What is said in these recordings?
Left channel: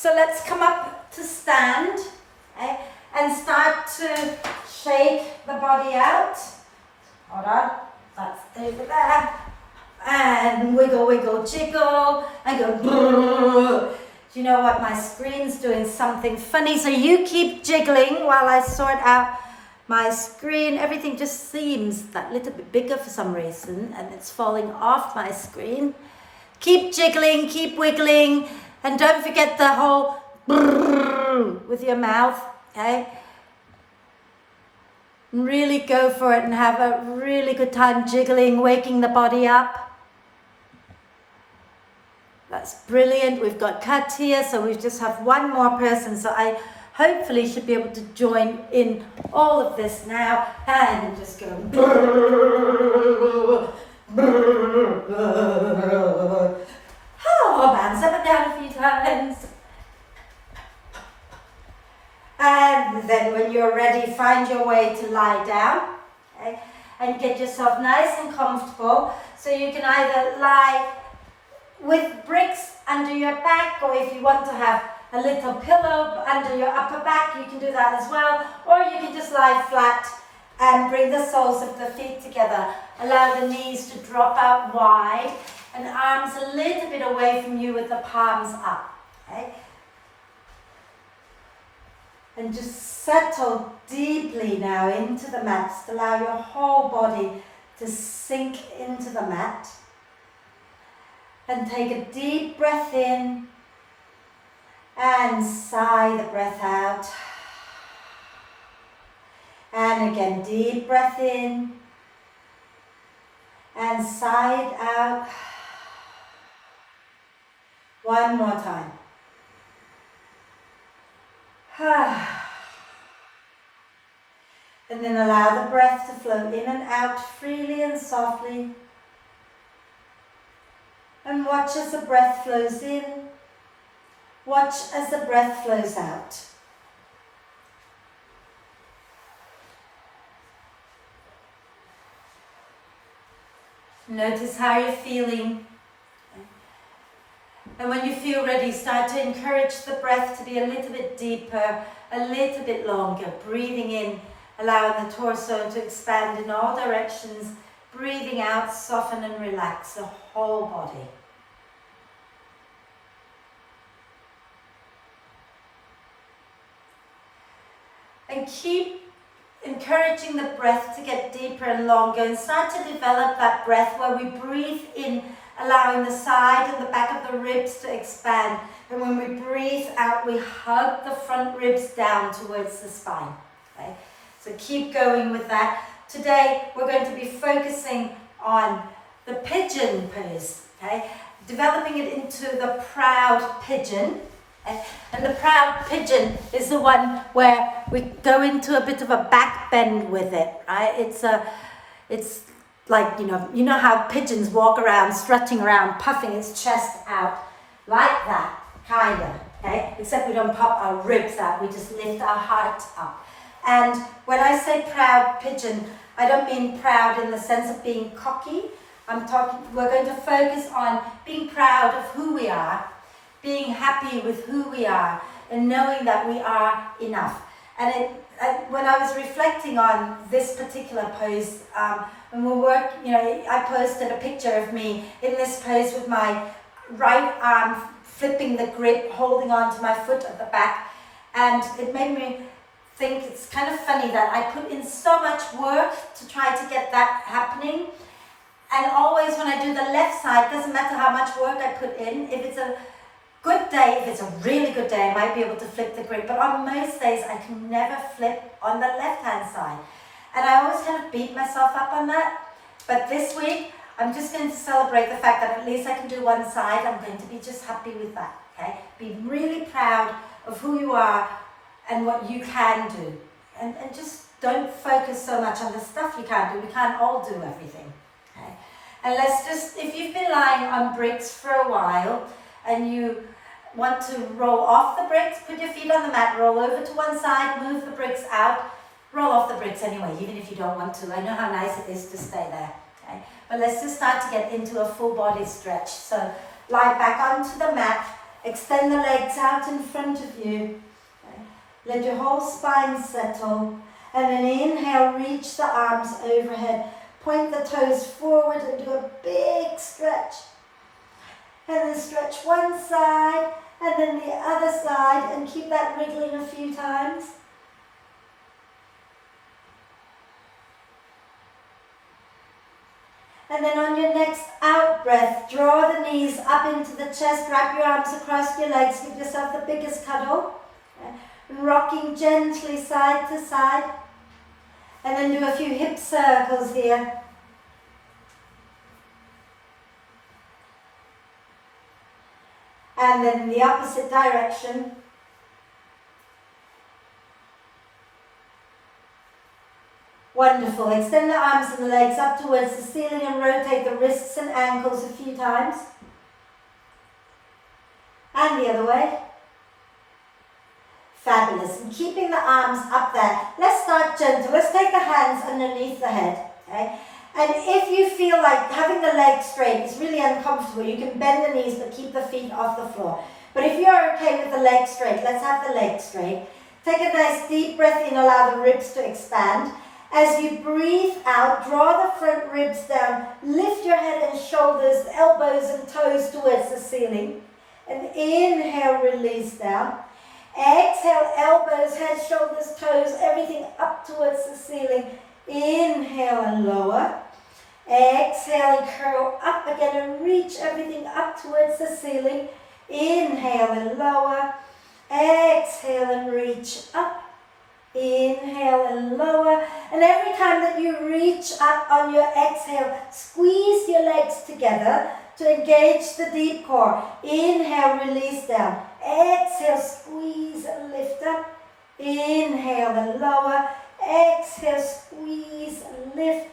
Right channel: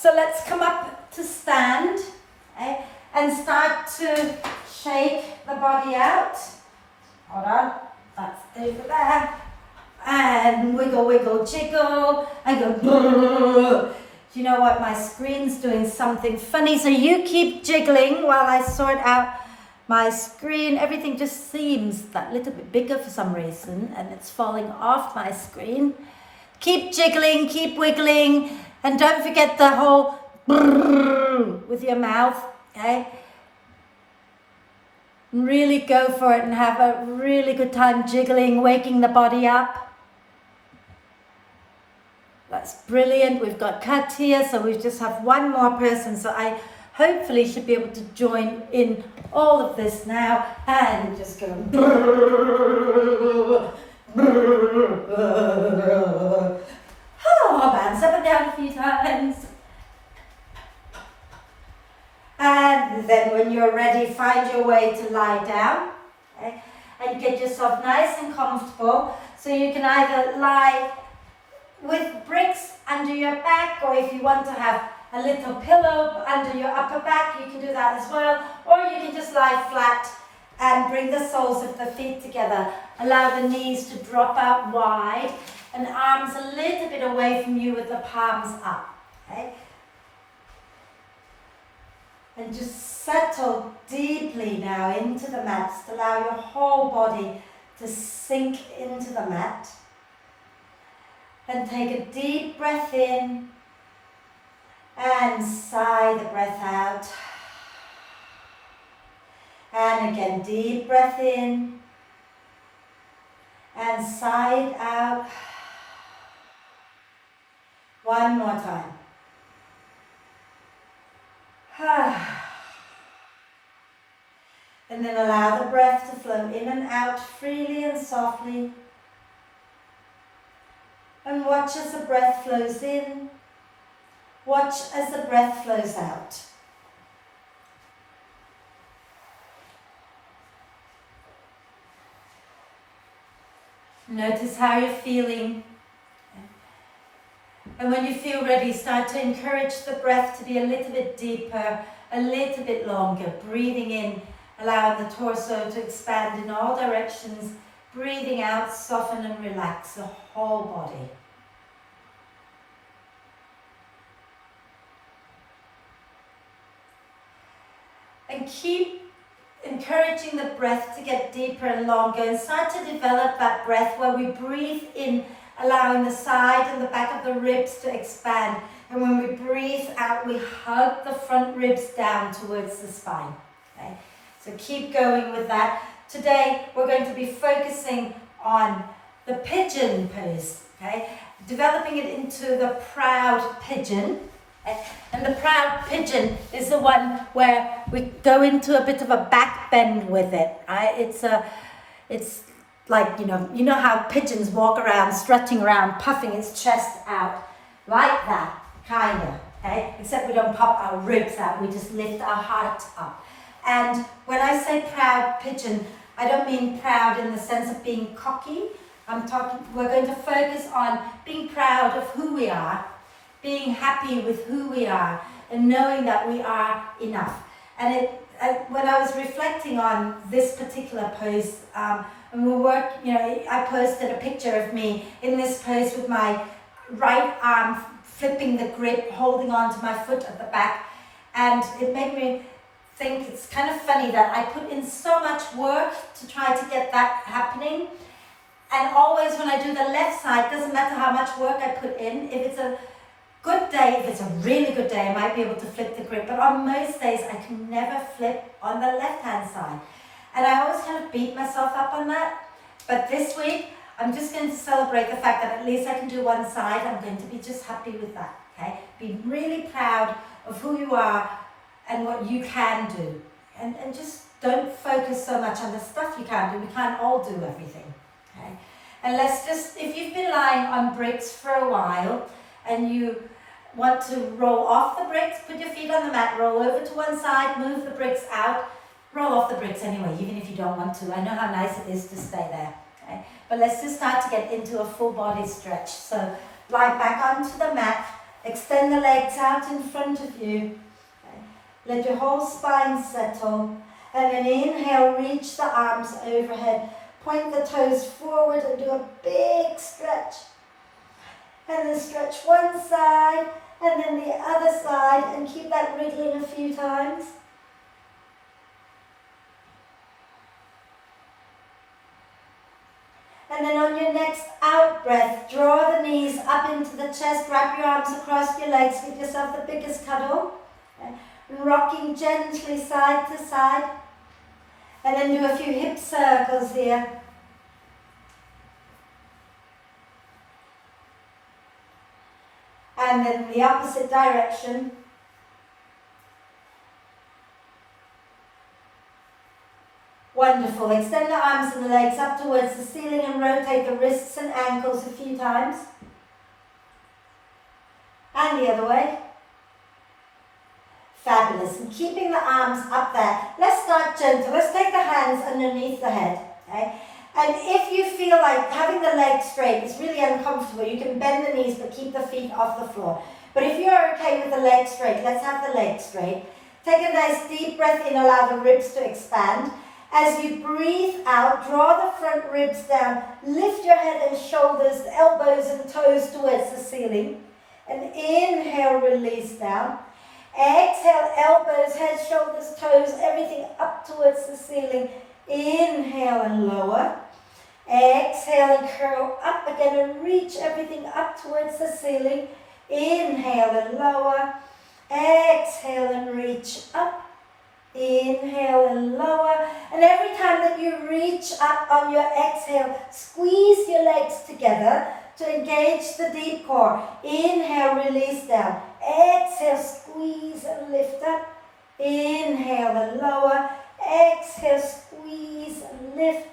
So let's come up to stand, okay, and start to shake the body out. Hold on, that's over there. And wiggle, wiggle, jiggle, and go brrr. You know what, my screen's doing something funny, so you keep jiggling while I sort out my screen. Everything just seems that little bit bigger for some reason, and it's falling off my screen. Keep jiggling, keep wiggling, and don't forget the whole brrr with your mouth, okay? Really go for it and have a really good time jiggling, waking the body up. That's brilliant. We've got cut here, so we just have one more person. So I hopefully should be able to join in all of this now. And just go. Oh, bounce up and down a few times. And then when you're ready, find your way to lie down. Okay? And get yourself nice and comfortable. So you can either lie with bricks under your back, or if you want to have a little pillow under your upper back, you can do that as well. Or you can just lie flat and bring the soles of the feet together. Allow the knees to drop out wide and arms a little bit away from you with the palms up. Okay? And just settle deeply now into the mat. Just allow your whole body to sink into the mat. And take a deep breath in and sigh the breath out. And again, deep breath in and sigh it out. One more time. And then allow the breath to flow in and out freely and softly. And watch as the breath flows in. Watch as the breath flows out. Notice how you're feeling. And when you feel ready, start to encourage the breath to be a little bit deeper, a little bit longer. Breathing in, allowing the torso to expand in all directions. Breathing out, soften and relax the whole body. And keep encouraging the breath to get deeper and longer, and start to develop that breath where we breathe in, allowing the side and the back of the ribs to expand. And when we breathe out, we hug the front ribs down towards the spine. Okay? So keep going with that. Today, we're going to be focusing on the pigeon pose, okay? Developing it into the proud pigeon. Okay? And the proud pigeon is the one where we go into a bit of a back bend with it, right? It's like, you know how pigeons walk around, strutting around, puffing its chest out, like that, kind of, okay? Except we don't pop our ribs out, we just lift our heart up. And when I say proud pigeon, I don't mean proud in the sense of being cocky. We're going to focus on being proud of who we are, being happy with who we are, and knowing that we are enough. And when I was reflecting on this particular pose, and I posted a picture of me in this pose with my right arm flipping the grip, holding on to my foot at the back, and it made me think it's kind of funny that I put in so much work to try to get that happening. And always when I do the left side, doesn't matter how much work I put in, if it's a good day, if it's a really good day, I might be able to flip the grip. But on most days, I can never flip on the left-hand side. And I always kind of beat myself up on that. But this week, I'm just going to celebrate the fact that at least I can do one side. I'm going to be just happy with that, okay? Be really proud of who you are and what you can do. And just don't focus so much on the stuff you can't do. We can't all do everything, okay? And let's just, if you've been lying on bricks for a while and you want to roll off the bricks, put your feet on the mat, roll over to one side, move the bricks out, roll off the bricks anyway, even if you don't want to. I know how nice it is to stay there, okay? But let's just start to get into a full body stretch. So lie back onto the mat Extend the legs out in front of you. Okay. Let your whole spine settle. And then inhale, reach the arms overhead. Point the toes forward and do a big stretch. And then stretch one side and then the other side and keep that wriggling a few times. And then on your next out breath, draw the knees up into the chest, wrap your arms across your legs, give yourself the biggest cuddle. Okay. Rocking gently side to side. And then do a few hip circles here. And then the opposite direction. Wonderful. Extend the arms and the legs up towards the ceiling and rotate the wrists and ankles a few times. And the other way. Fabulous. And keeping the arms up there. Let's start gentle. Let's take the hands underneath the head. Okay? And if you feel like having the legs straight is really uncomfortable, you can bend the knees but keep the feet off the floor. But if you're okay with the legs straight, let's have the legs straight. Take a nice deep breath in, allow the ribs to expand. As you breathe out, draw the front ribs down, lift your head and shoulders, elbows and toes towards the ceiling. And inhale, release down. Exhale, elbows, head, shoulders, toes, everything up towards the ceiling. Inhale and lower. Exhale and curl up again and reach everything up towards the ceiling. Inhale and lower. Exhale and reach up. Inhale and lower. And every time that you reach up on your exhale, squeeze your legs together to engage the deep core. Inhale, release down. Exhale, squeeze and lift up. Inhale and lower. Exhale, squeeze and lift.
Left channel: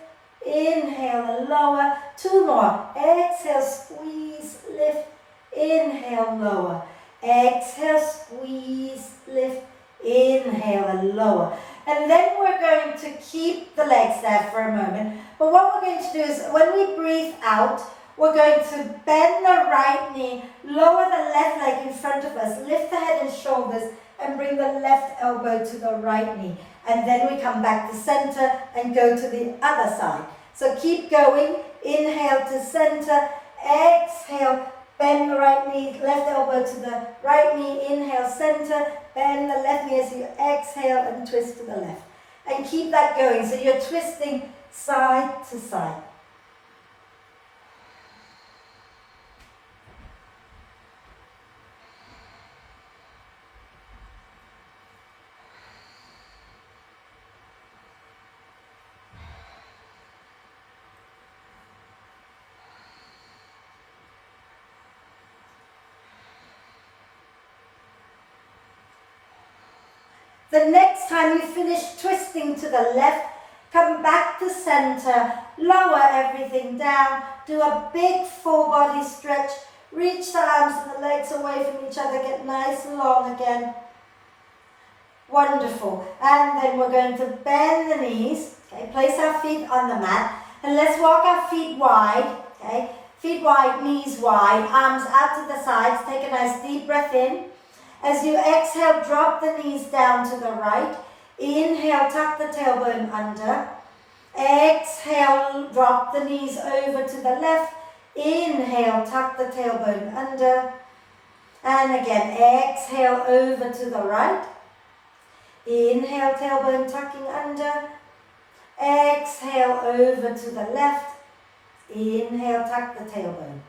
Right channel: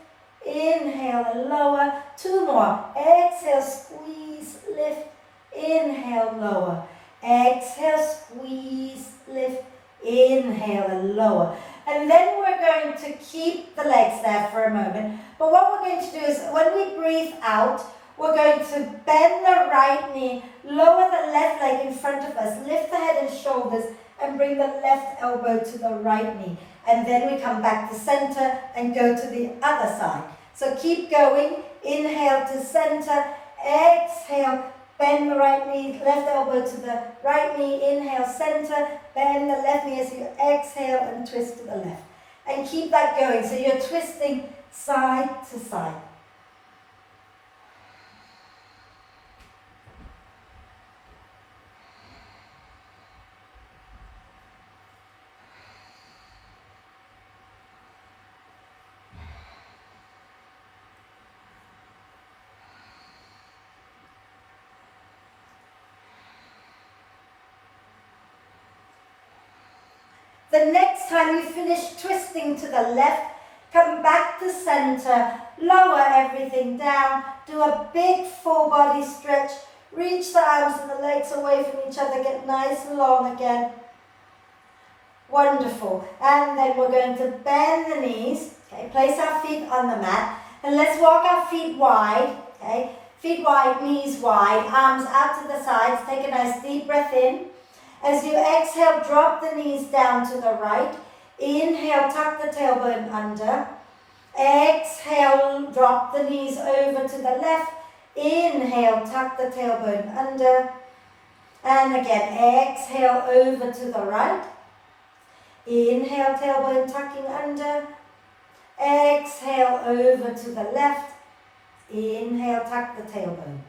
Inhale and lower. Two more. Exhale, squeeze, lift. Inhale, lower. Exhale, squeeze, lift. Inhale and lower. And then we're going to keep the legs there for a moment. But what we're going to do is when we breathe out, we're going to bend the right knee, lower the left leg in front of us, lift the head and shoulders, and bring the left elbow to the right knee. And then we come back to center and go to the other side. So keep going. Inhale to center. Exhale. Bend the right knee, left elbow to the right knee. Inhale, center. Bend the left knee as you exhale and twist to the left. And keep that going. So you're twisting side to side. The next time you finish twisting to the left, come back to center, lower everything down, do a big full body stretch, reach the arms and the legs away from each other, get nice and long again. Wonderful. And then we're going to bend the knees, okay, place our feet on the mat, and let's walk our feet wide, okay, feet wide, knees wide, arms out to the sides, take a nice deep breath in. As you exhale, drop the knees down to the right. Inhale, tuck the tailbone under. Exhale, drop the knees over to the left. Inhale, tuck the tailbone under. And again, exhale over to the right. Inhale, tailbone tucking under. Exhale over to the left. Inhale, tuck the tailbone.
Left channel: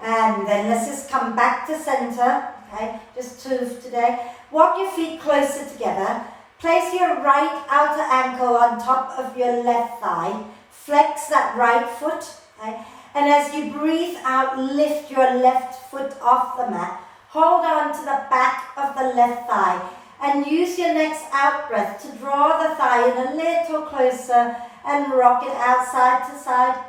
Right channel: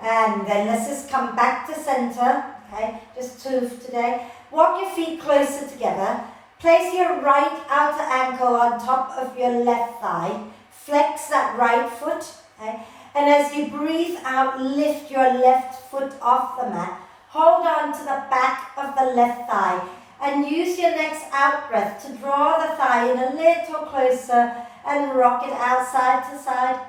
And then let's just come back to center. Okay, just two today. Walk your feet closer together. Place your right outer ankle on top of your left thigh. Flex that right foot. Okay? And as you breathe out, lift your left foot off the mat. Hold on to the back of the left thigh. And use your next out breath to draw the thigh in a little closer and rock it out side to side.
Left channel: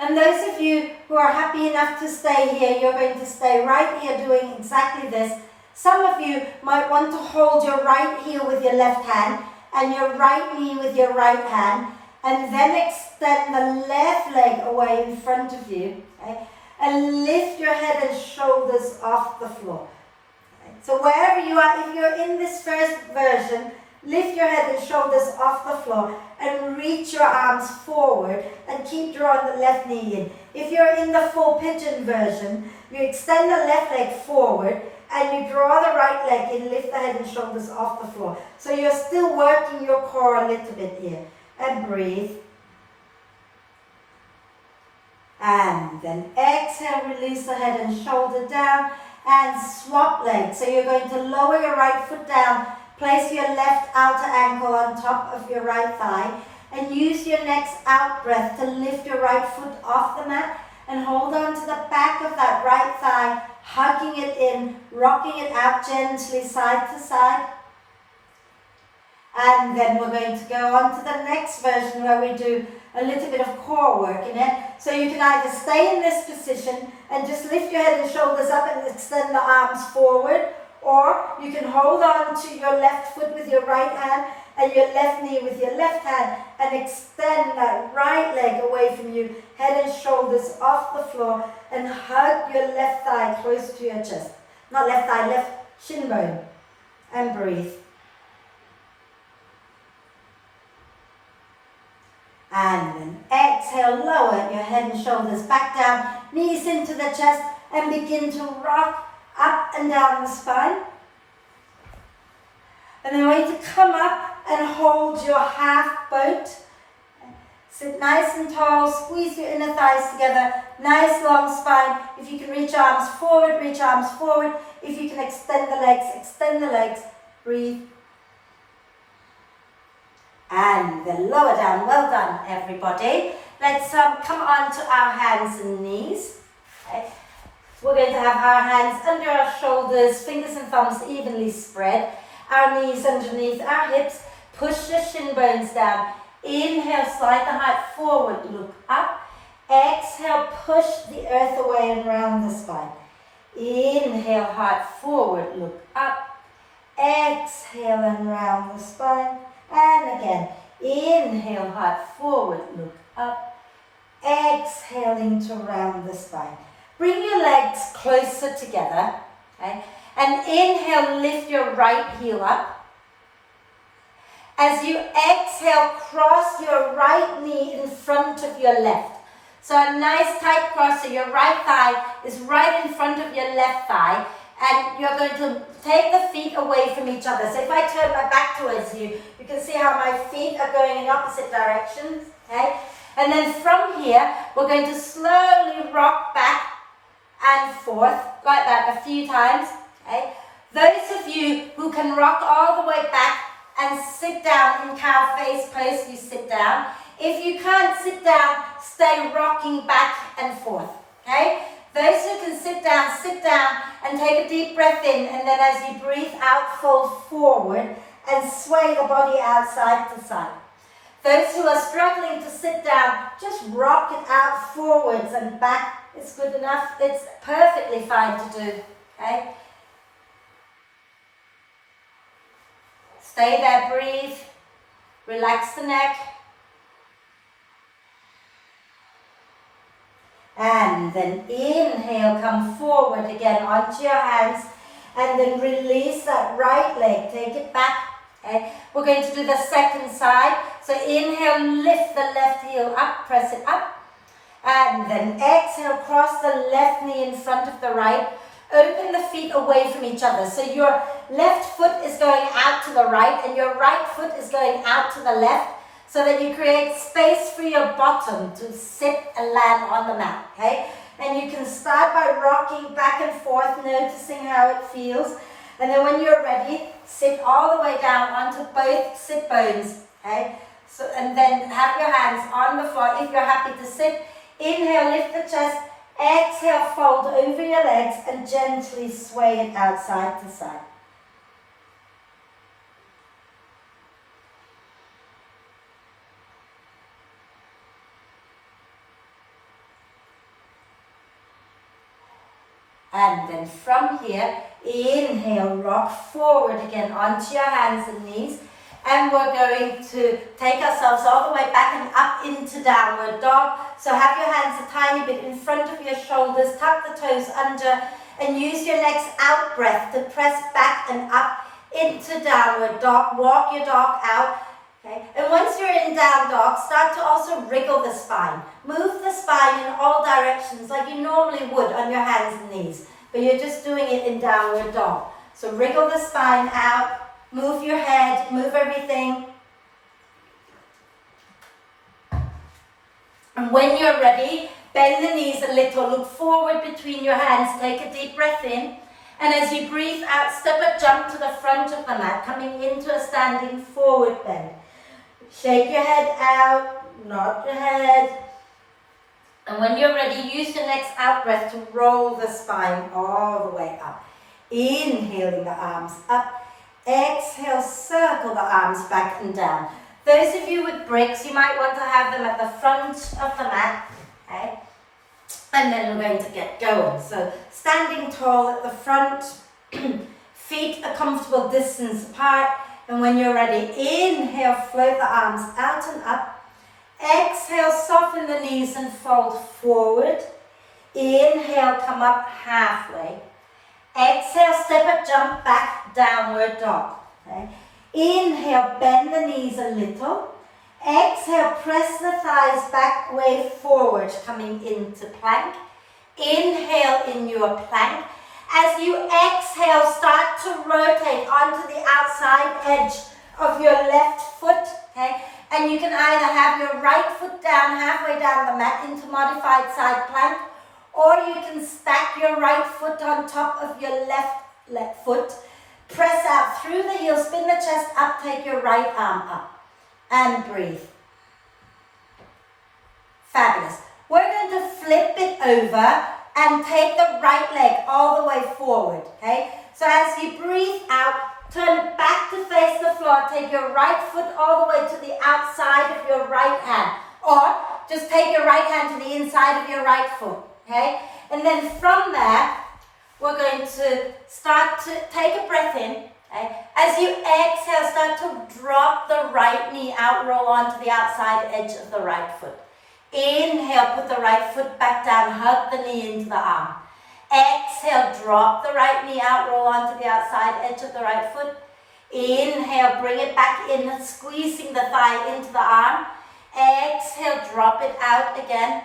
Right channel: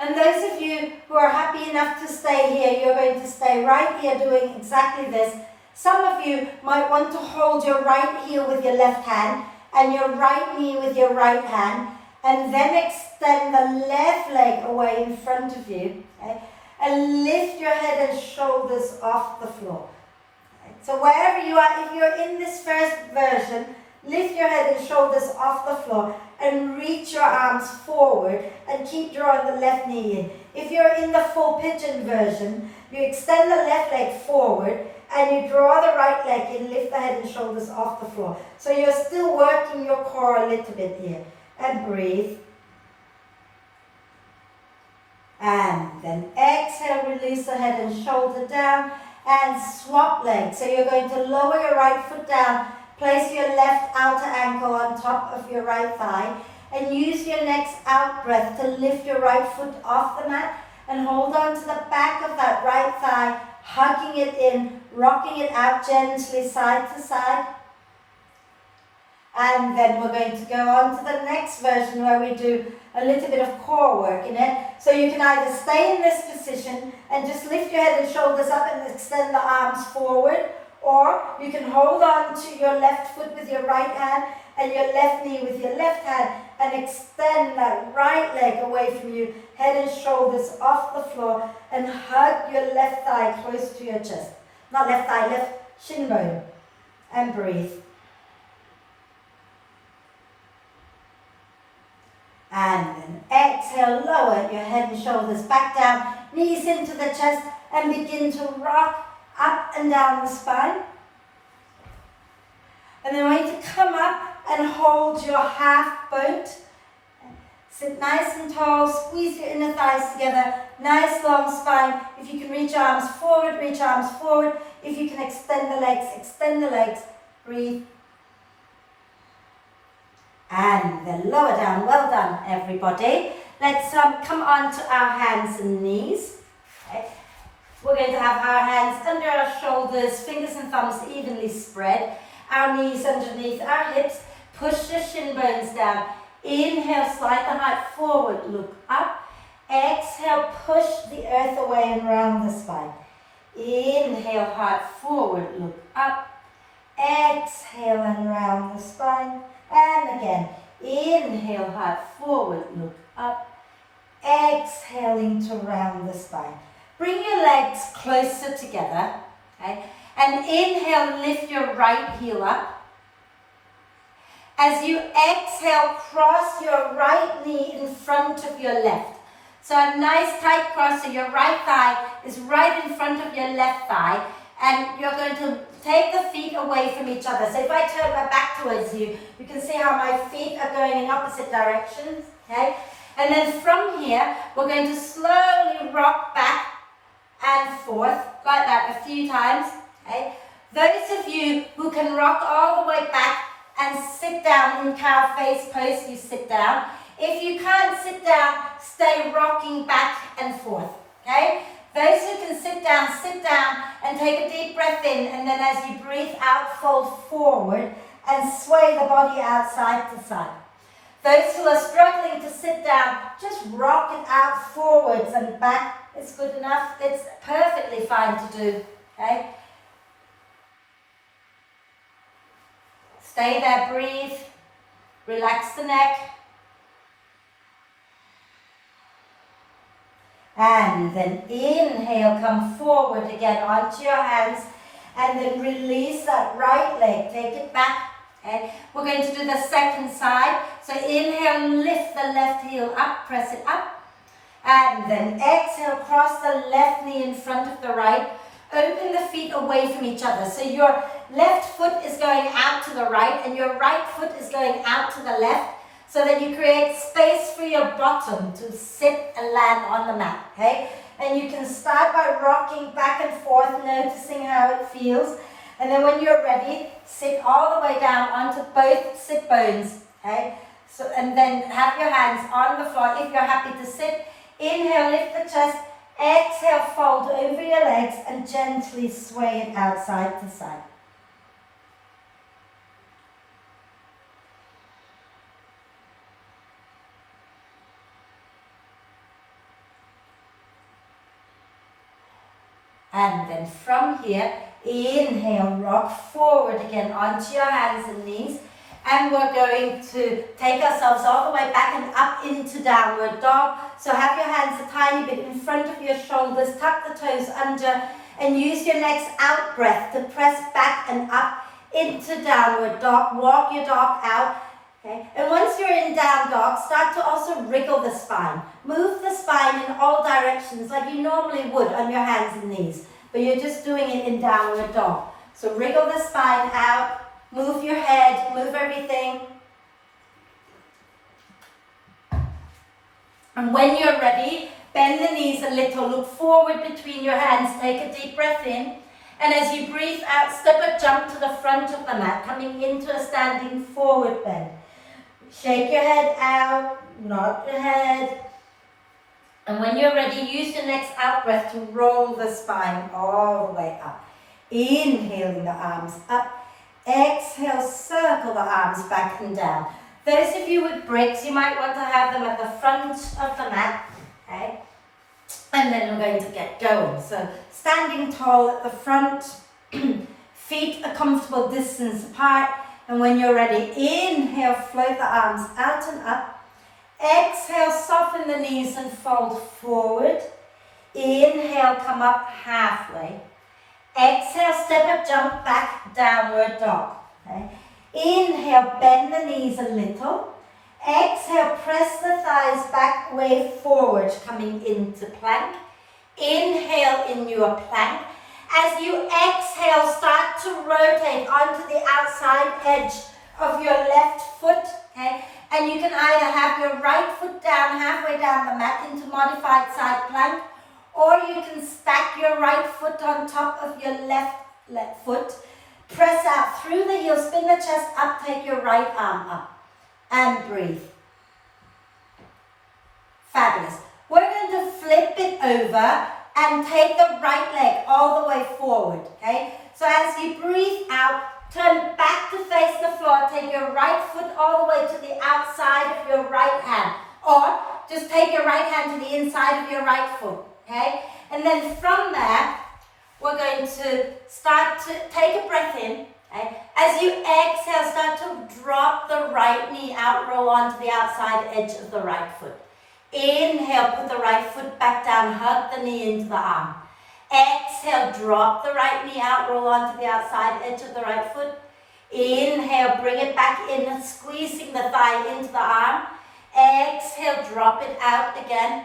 And those of you who are happy enough to stay here, you're going to stay right here doing exactly this. Some of you might want to hold your right heel with your left hand and your right knee with your right hand, and then extend the left leg away in front of you. Okay? and lift your head and shoulders off the floor. So wherever you are, if you're in this first version, lift your head and shoulders off the floor and reach your arms forward and keep drawing the left knee in. If you're in the full pigeon version, you extend the left leg forward and you draw the right leg in, lift the head and shoulders off the floor. So you're still working your core a little bit here. And breathe. And then exhale, release the head and shoulder down and swap legs. So you're going to lower your right foot down, place your left outer ankle on top of your right thigh, and use your next out breath to lift your right foot off the mat and hold on to the back of that right thigh, hugging it in, rocking it out gently side to side. And then we're going to go on to the next version where we do a little bit of core work in it. So you can either stay in this position and just lift your head and shoulders up and extend the arms forward, or you can hold on to your left foot with your right hand and your left knee with your left hand and extend that right leg away from you, head and shoulders off the floor, and hug your left thigh close to your chest. Not left thigh, left shin bone. And breathe. And then exhale, lower your head and shoulders back down, knees into the chest, and begin to rock up and down the spine. And then we're going to come up and hold your half boat. Sit nice and tall, squeeze your inner thighs together, nice long spine. If you can reach arms forward, reach arms forward. If you can extend the legs, breathe. And then lower down. Well done, everybody. Let's come on to our hands and knees. Okay. We're going to have our hands under our shoulders, fingers and thumbs evenly spread. Our knees underneath our hips. Push your shin bones down. Inhale, slide the heart forward, look up. Exhale, push the earth away and round the spine. Inhale, heart forward, look up. Exhale and round the spine. And again, inhale, heart forward, look up. Exhaling to round the spine. Bring your legs closer together, okay? And inhale, lift your right heel up. As you exhale, cross your right knee in front of your left. So a nice tight cross, so your right thigh is right in front of your left thigh. And you're going to take the feet away from each other. So if I turn my back towards you, you can see how my feet are going in opposite directions, okay? And then from here, we're going to slowly rock back and forth, like that a few times, okay? Those of you who can rock all the way back and sit down in cow face pose, you sit down. If you can't sit down, stay rocking back and forth, okay? Those who can sit down and take a deep breath in, and then as you breathe out, fold forward and sway the body out side to side. Those who are struggling to sit down, just rock it out forwards and back. It's good enough. It's perfectly fine to do, okay? Stay there, breathe, relax the neck. And then inhale, come forward again onto your hands, and then release that right leg, take it back. Okay. We're going to do the second side. So inhale, lift the left heel up, press it up. And then exhale, cross the left knee in front of the right. Open the feet away from each other. So your left foot is going out to the right and your right foot is going out to the left, so that you create space for your bottom to sit and land on the mat, okay? And you can start by rocking back and forth, noticing how it feels. And then when you're ready, sit all the way down onto both sit bones, okay? So, and then have your hands on the floor if you're happy to sit. Inhale, lift the chest. Exhale, fold over your legs and gently sway it out side to side. And then from here, inhale, rock forward again onto your hands and knees. And we're going to take ourselves all the way back and up into downward dog. So have your hands a tiny bit in front of your shoulders, tuck the toes under, and use your next out breath to press back and up into downward dog. Walk your dog out. Okay. And once you're in down dog, start to also wriggle the spine. Move the spine in all directions like you normally would on your hands and knees, but you're just doing it in downward dog. So wriggle the spine out, move your head, move everything. And when you're ready, bend the knees a little, look forward between your hands, take a deep breath in. And as you breathe out, step a jump to the front of the mat, coming into a standing forward bend. Shake your head out, nod your head. And when you're ready, use your next out breath to roll the spine all the way up. Inhaling the arms up. Exhale, circle the arms back and down. Those of you with bricks, you might want to have them at the front of the mat. Okay? And then we're going to get going. So standing tall at the front, feet a comfortable distance apart. And when you're ready, inhale, float the arms out and up. Exhale, soften the knees and fold forward. Inhale, come up halfway. Exhale, step a jump back, downward dog. Okay. Inhale, bend the knees a little. Exhale, press the thighs back, way forward, coming into plank. Inhale in your plank. As you exhale, start to rotate onto the outside edge of your left foot, okay? And you can either have your right foot down, halfway down the mat into modified side plank, or you can stack your right foot on top of your left foot. Press out through the heel, spin the chest up, take your right arm up, and breathe. Fabulous. We're going to flip it over and take the right leg all the way forward, okay? So as you breathe out, turn back to face the floor, take your right foot all the way to the outside of your right hand, or just take your right hand to the inside of your right foot, okay? And then from there, we're going to start to take a breath in, okay? As you exhale, start to drop the right knee out, roll onto the outside edge of the right foot. Inhale, put the right foot back down, hug the knee into the arm. Exhale, drop the right knee out, roll onto the outside edge of the right foot. Inhale, bring it back in, squeezing the thigh into the arm. Exhale, drop it out again.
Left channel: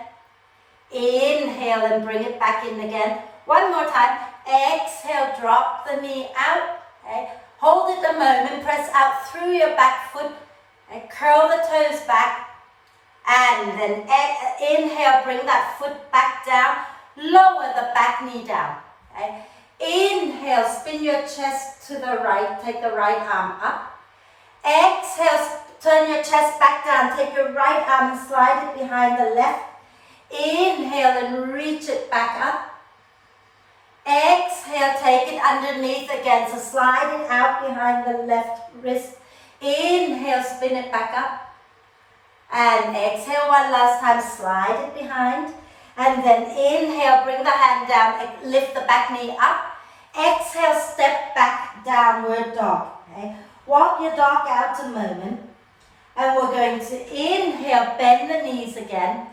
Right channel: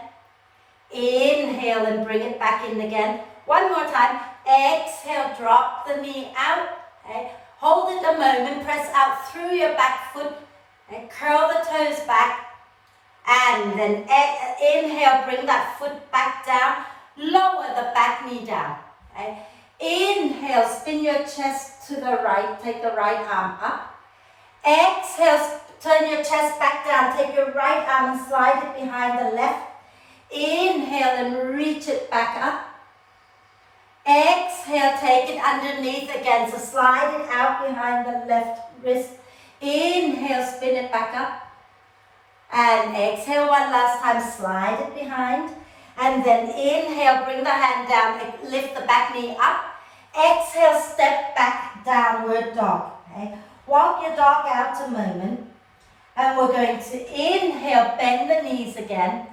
Inhale and bring it back in again. One more time. Exhale, drop the knee out. Okay. Hold it a moment, press out through your back foot. And curl the toes back. And then inhale, bring that foot back down. Lower the back knee down. Okay. Inhale, spin your chest to the right. Take the right arm up. Exhale, turn your chest back down. Take your right arm and slide it behind the left. Inhale and reach it back up. Exhale, take it underneath again. So slide it out behind the left wrist. Inhale, spin it back up. And exhale one last time, slide it behind. And then inhale, bring the hand down, lift the back knee up. Exhale, step back, downward dog. Okay? Walk your dog out a moment. And we're going to inhale, bend the knees again.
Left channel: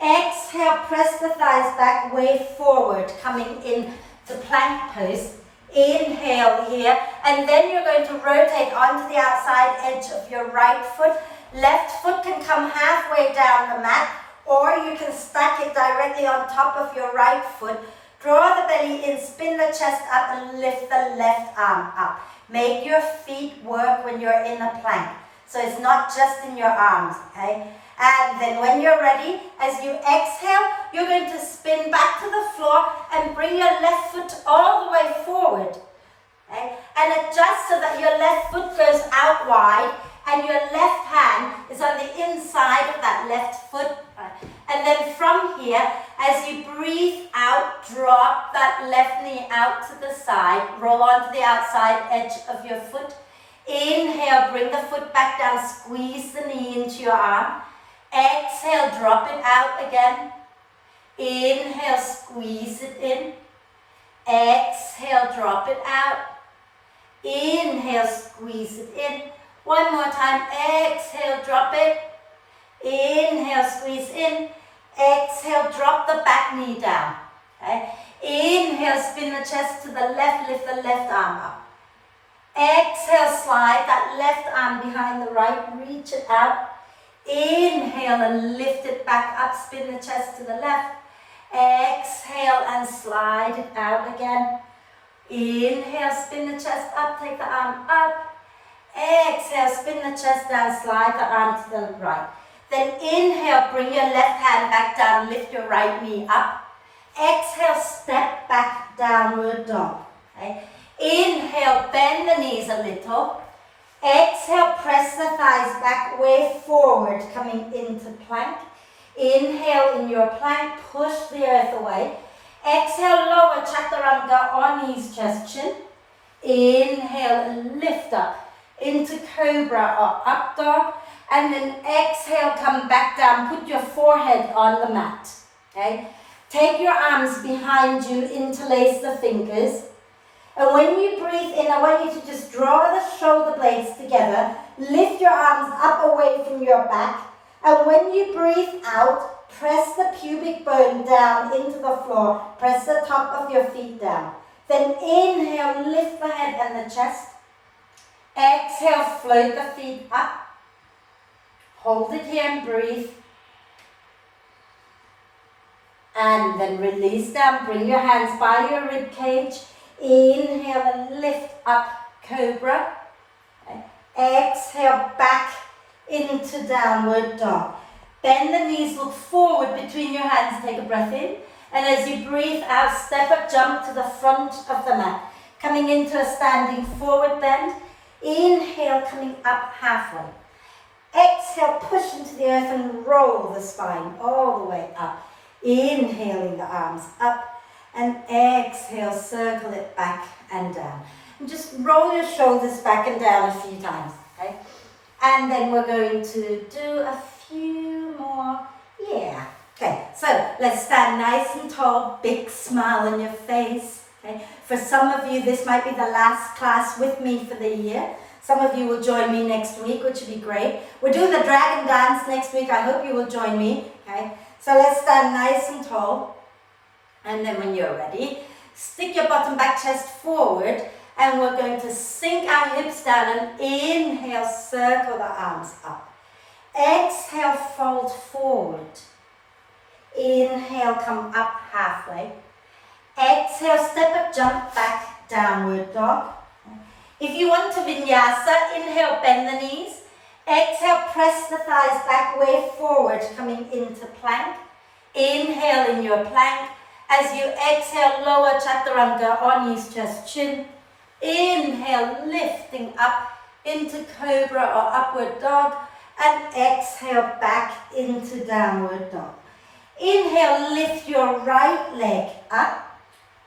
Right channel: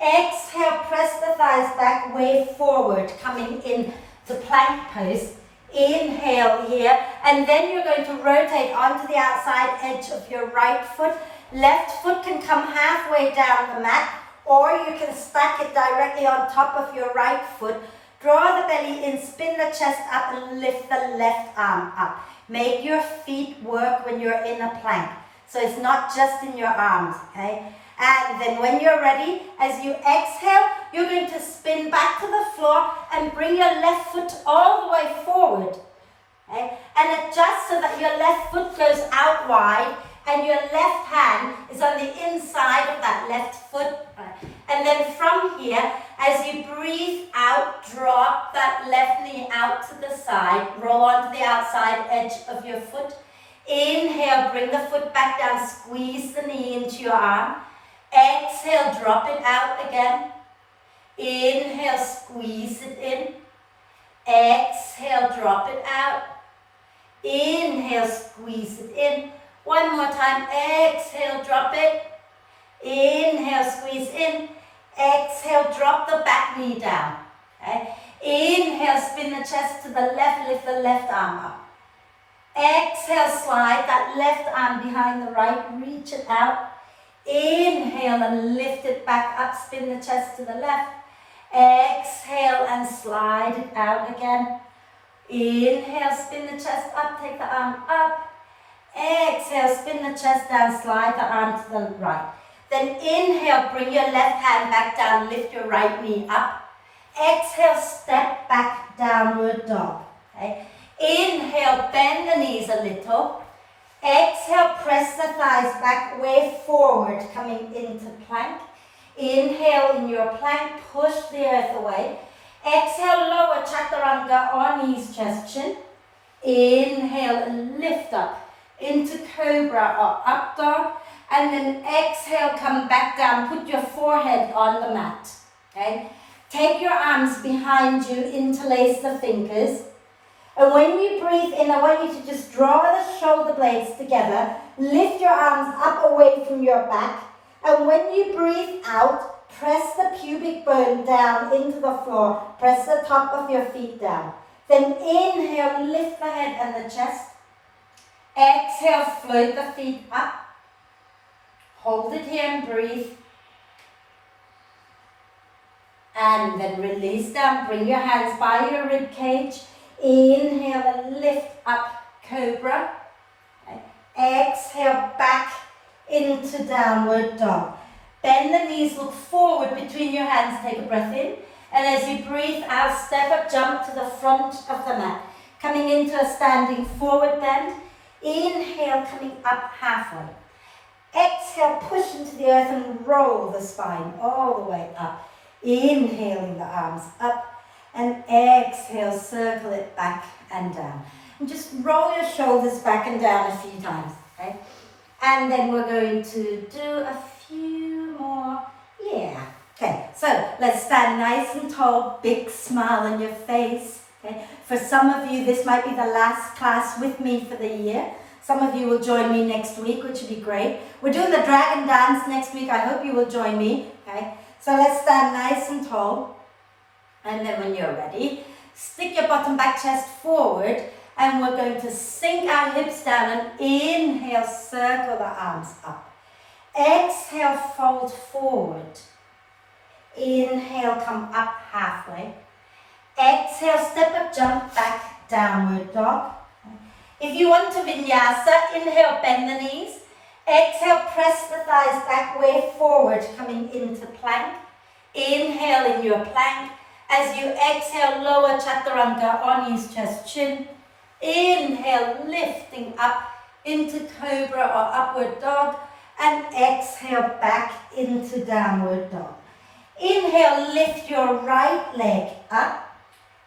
Exhale, press the thighs back, way forward, coming in to plank pose. Inhale here. And then you're going to rotate onto the outside edge of your right foot. Left foot can come halfway down the mat, or you can stack it directly on top of your right foot. Draw the belly in, spin the chest up, and lift the left arm up. Make your feet work when you're in a plank. So it's not just in your arms, okay? And then when you're ready, as you exhale, you're going to spin back to the floor and bring your left foot all the way forward. Okay? And adjust so that your left foot goes out wide and your left hand is on the inside of that left foot. And then from here, as you breathe out, drop that left knee out to the side, roll onto the outside edge of your foot. Inhale, bring the foot back down, squeeze the knee into your arm. Exhale, drop it out again. Inhale, squeeze it in. Exhale, drop it out. Inhale, squeeze it in. One more time. Exhale, drop it. Inhale, squeeze in. Exhale, drop the back knee down. Okay? Inhale, spin the chest to the left, lift the left arm up. Exhale, slide that left arm behind the right, reach it out. Inhale and lift it back up, spin the chest to the left. Exhale and slide it out again. Inhale, spin the chest up, take the arm up. Exhale, spin the chest down, slide the arm to the right. Then inhale, bring your left hand back down, lift your right knee up. Exhale, step back, downward dog. Okay? Inhale, bend the knees a little. Exhale, press the thighs back, way forward, coming into plank. Inhale, in your plank, push the earth away. Exhale, lower chaturanga on knees, chest, chin. Inhale, and lift up into cobra or up dog. And then exhale, come back down, put your forehead on the mat. Okay? Take your arms behind you, interlace the fingers. And when you breathe in, I want you to just draw the shoulder blades together, lift your arms up away from your back, and when you breathe out, press the pubic bone down into the floor, press the top of your feet down. Then inhale, lift the head and the chest. Exhale, float the feet up. Hold it here and breathe. And then release down, bring your hands by your rib cage. Inhale and lift up, cobra. Okay. Exhale, back into downward dog. Bend the knees, look forward between your hands, take a breath in. And as you breathe out, step up, jump to the front of the mat. Coming into a standing forward bend. Inhale, coming up halfway. Exhale, push into the earth and roll the spine all the way up. Inhaling the arms up. And exhale, circle it back and down. And just roll your shoulders back and down a few times, okay? And then we're going to do a few more. Yeah. Okay, so let's stand nice and tall, big smile on your face. Okay? For some of you, this might be the last class with me for the year. Some of you will join me next week, which would be great. We're doing the dragon dance next week. I hope you will join me, okay? So let's stand nice and tall. And then when you're ready, stick your bottom back chest forward and we're going to sink our hips down and inhale, circle the arms up. Exhale, fold forward. Inhale, come up halfway. Exhale, step up, jump back, downward dog. If you want to vinyasa, inhale, bend the knees. Exhale, press the thighs back, way forward, coming into plank. Inhale in your plank. As you exhale, lower chaturanga on knees, chest, chin. Inhale, lifting up into cobra or upward dog. And exhale, back into downward dog. Inhale, lift your right leg up.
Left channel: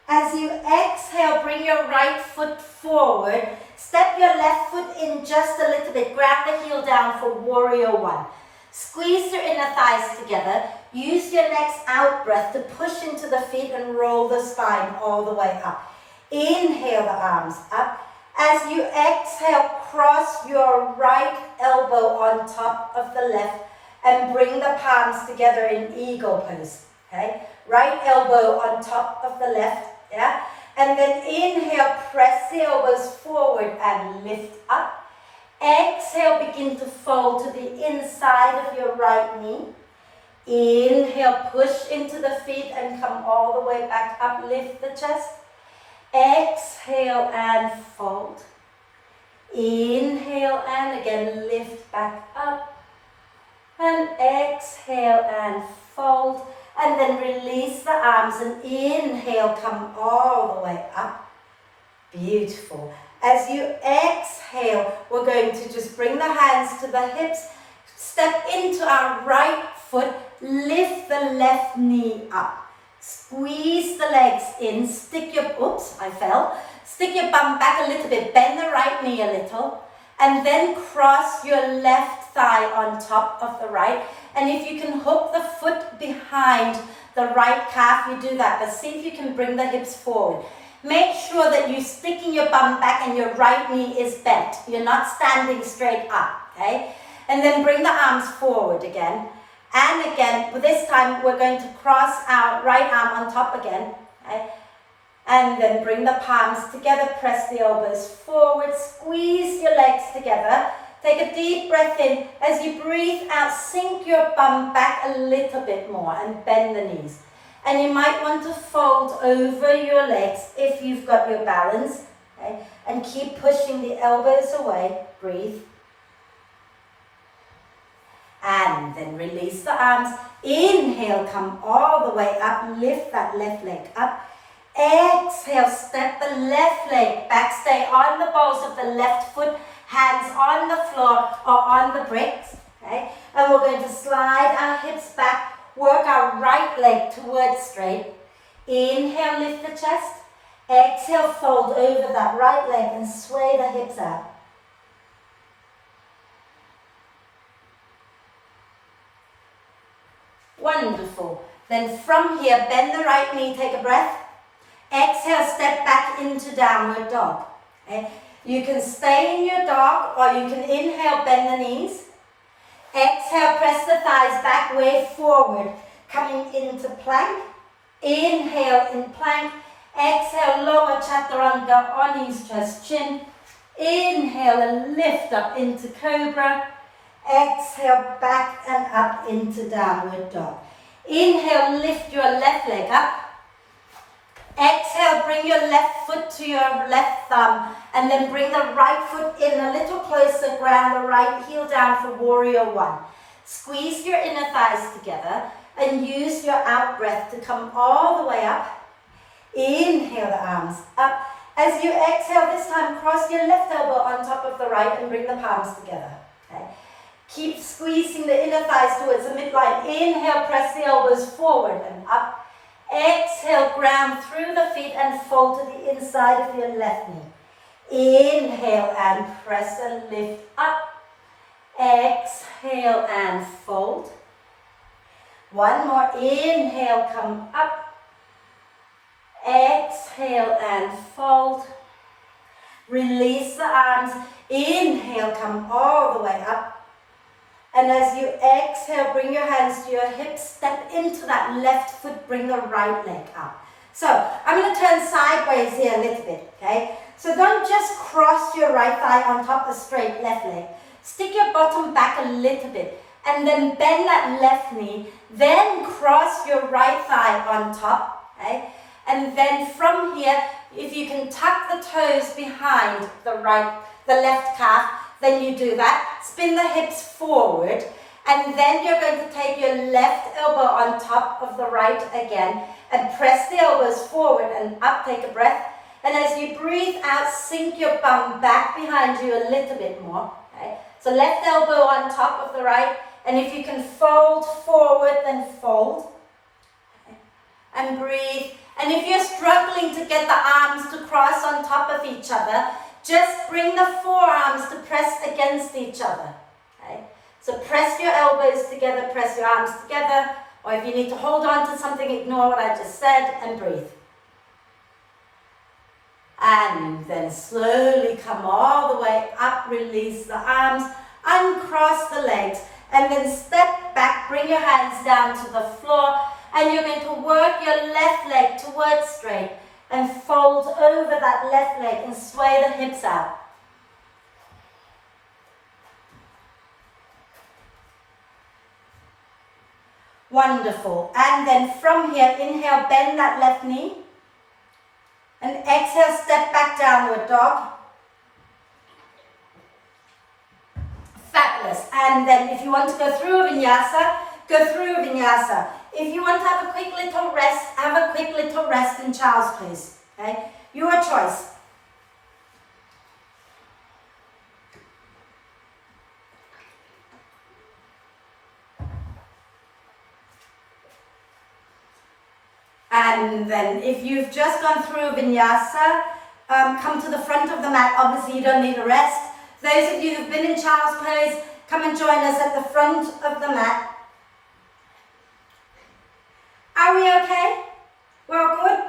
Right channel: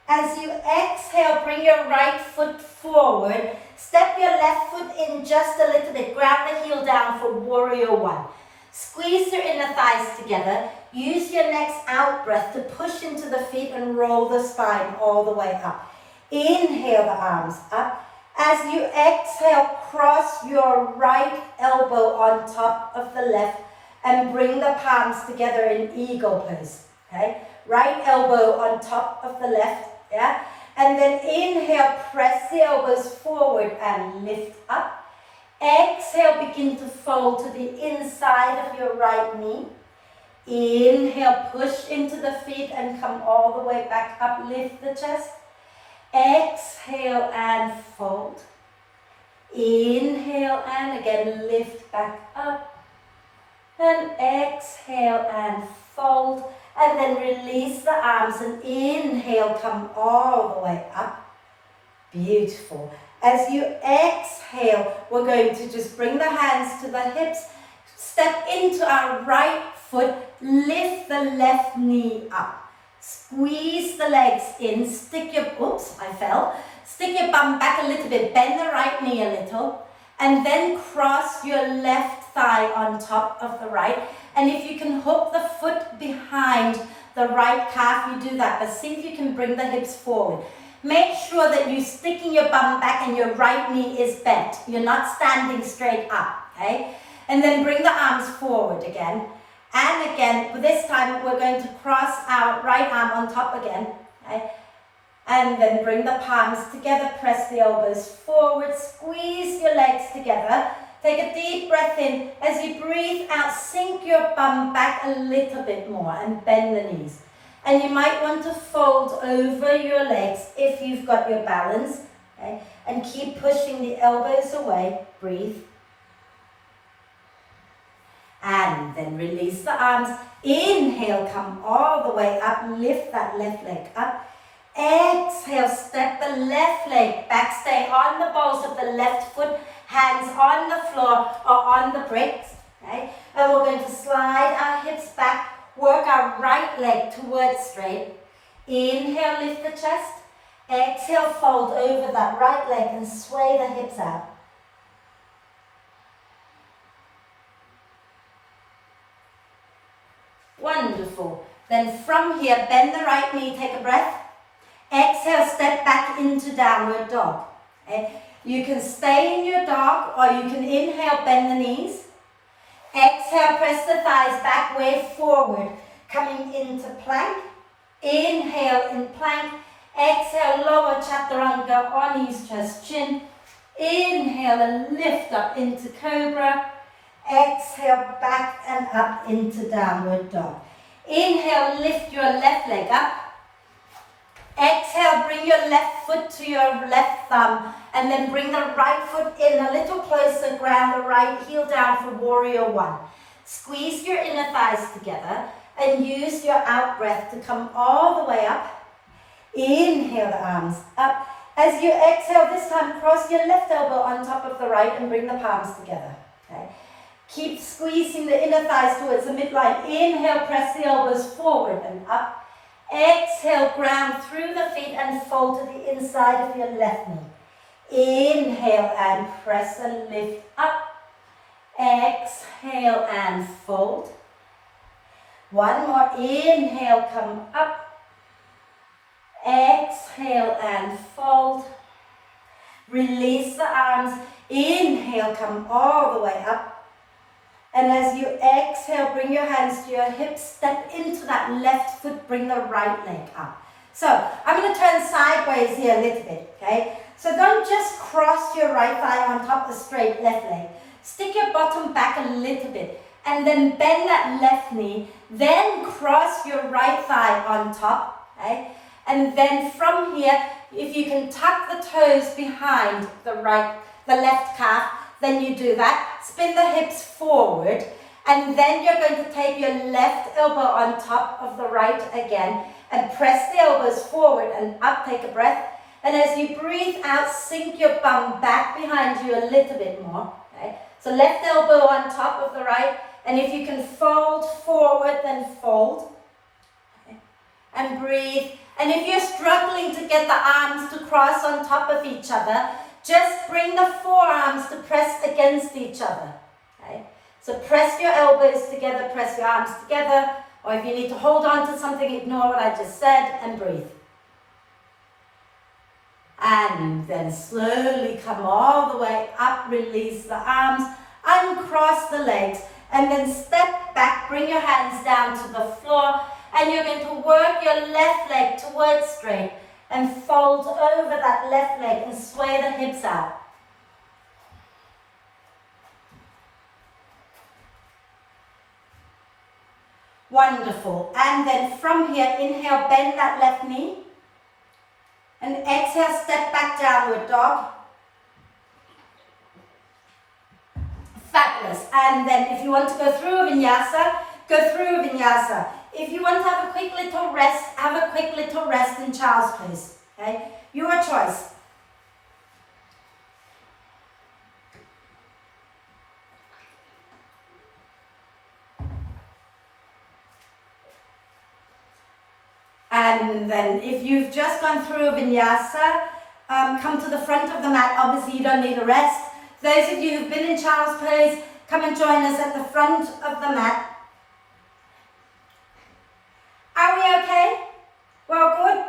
As you exhale, bring your right foot forward. Step your left foot in just a little bit. Grab the heel down for warrior one. Squeeze your inner thighs together. Use your next out breath to push into the feet and roll the spine all the way up. Inhale the arms up. As you exhale, cross your right elbow on top of the left and bring the palms together in eagle pose. Okay? Right elbow on top of the left. Yeah? And then inhale, press the elbows forward and lift up. Exhale, begin to fold to the inside of your right knee. Inhale, push into the feet and come all the way back up, lift the chest. Exhale and fold. Inhale and again lift back up. And exhale and fold. And then release the arms and inhale, come all the way up. Beautiful. As you exhale, we're going to just bring the hands to the hips, step into our right foot, lift the left knee up. Squeeze the legs in, stick your bum back a little bit, bend the right knee a little, and then cross your left thigh on top of the right. And if you can hook the foot behind the right calf, you do that, but see if you can bring the hips forward. Make sure that you're sticking your bum back and your right knee is bent. You're not standing straight up, okay? And then bring the arms forward again. And again, this time we're going to cross our right arm on top again, okay? And then bring the palms together, press the elbows forward, squeeze your legs together. Take a deep breath in. As you breathe out, sink your bum back a little bit more and bend the knees. And you might want to fold over your legs if you've got your balance, okay? And keep pushing the elbows away. Breathe. And then release the arms. Inhale, come all the way up. Lift that left leg up. Exhale, step the left leg back. Stay on the balls of the left foot. Hands on the floor or on the bricks. Okay? And we're going to slide our hips back. Work our right leg towards straight. Inhale, lift the chest. Exhale, fold over that right leg and sway the hips out. Wonderful. Then from here, bend the right knee, take a breath. Exhale, step back into downward dog. Okay? You can stay in your dog or you can inhale, bend the knees. Exhale, press the thighs back, way forward, coming into plank. Inhale in plank. Exhale, lower chaturanga on knees, chest, chin. Inhale and lift up into cobra. Exhale, back and up into downward dog. Inhale, lift your left leg up. Exhale, bring your left foot to your left thumb and then bring the right foot in a little closer, ground the right heel down for warrior one. Squeeze your inner thighs together and use your out breath to come all the way up. Inhale the arms up. As you exhale this time, cross your left elbow on top of the right and bring the palms together. Okay? Keep squeezing the inner thighs towards the midline. Inhale, press the elbows forward and up. Exhale, ground through the feet and fold to the inside of your left knee. Inhale and press and lift up. Exhale and fold. One more. Inhale, come up. Exhale and fold. Release the arms. Inhale, come all the way up. And as you exhale, bring your hands to your hips, step into that left foot, bring the right leg up. So I'm going to turn sideways here a little bit, okay? So don't just cross your right thigh on top of the straight left leg. Stick your bottom back a little bit and then bend that left knee, then cross your right thigh on top, okay? And then from here, if you can tuck the toes behind the left calf, then you do that. Spin the hips forward, and then you're going to take your left elbow on top of the right again, and press the elbows forward and up, take a breath. And as you breathe out, sink your bum back behind you a little bit more. Okay? So left elbow on top of the right, and if you can fold forward, then fold. Okay? And breathe. And if you're struggling to get the arms to cross on top of each other, just bring the forearms to press against each other. Okay? So press your elbows together, press your arms together, or if you need to hold on to something, ignore what I just said and breathe. And then slowly come all the way up, release the arms, uncross the legs, and then step back, bring your hands down to the floor, and you're going to work your left leg towards straight and fold over that left leg and sway the hips out. Wonderful. And then from here, inhale, bend that left knee. And exhale, step back, downward dog. Fabulous. And then if you want to go through a vinyasa, go through a vinyasa. If you want to have a quick little rest, have a quick little rest in child's pose. Okay? Your choice. And then if you've just gone through a vinyasa, come to the front of the mat. Obviously you don't need a rest. Those of you who've been in child's pose, come and join us at the front of the mat. Are we okay? Well, good?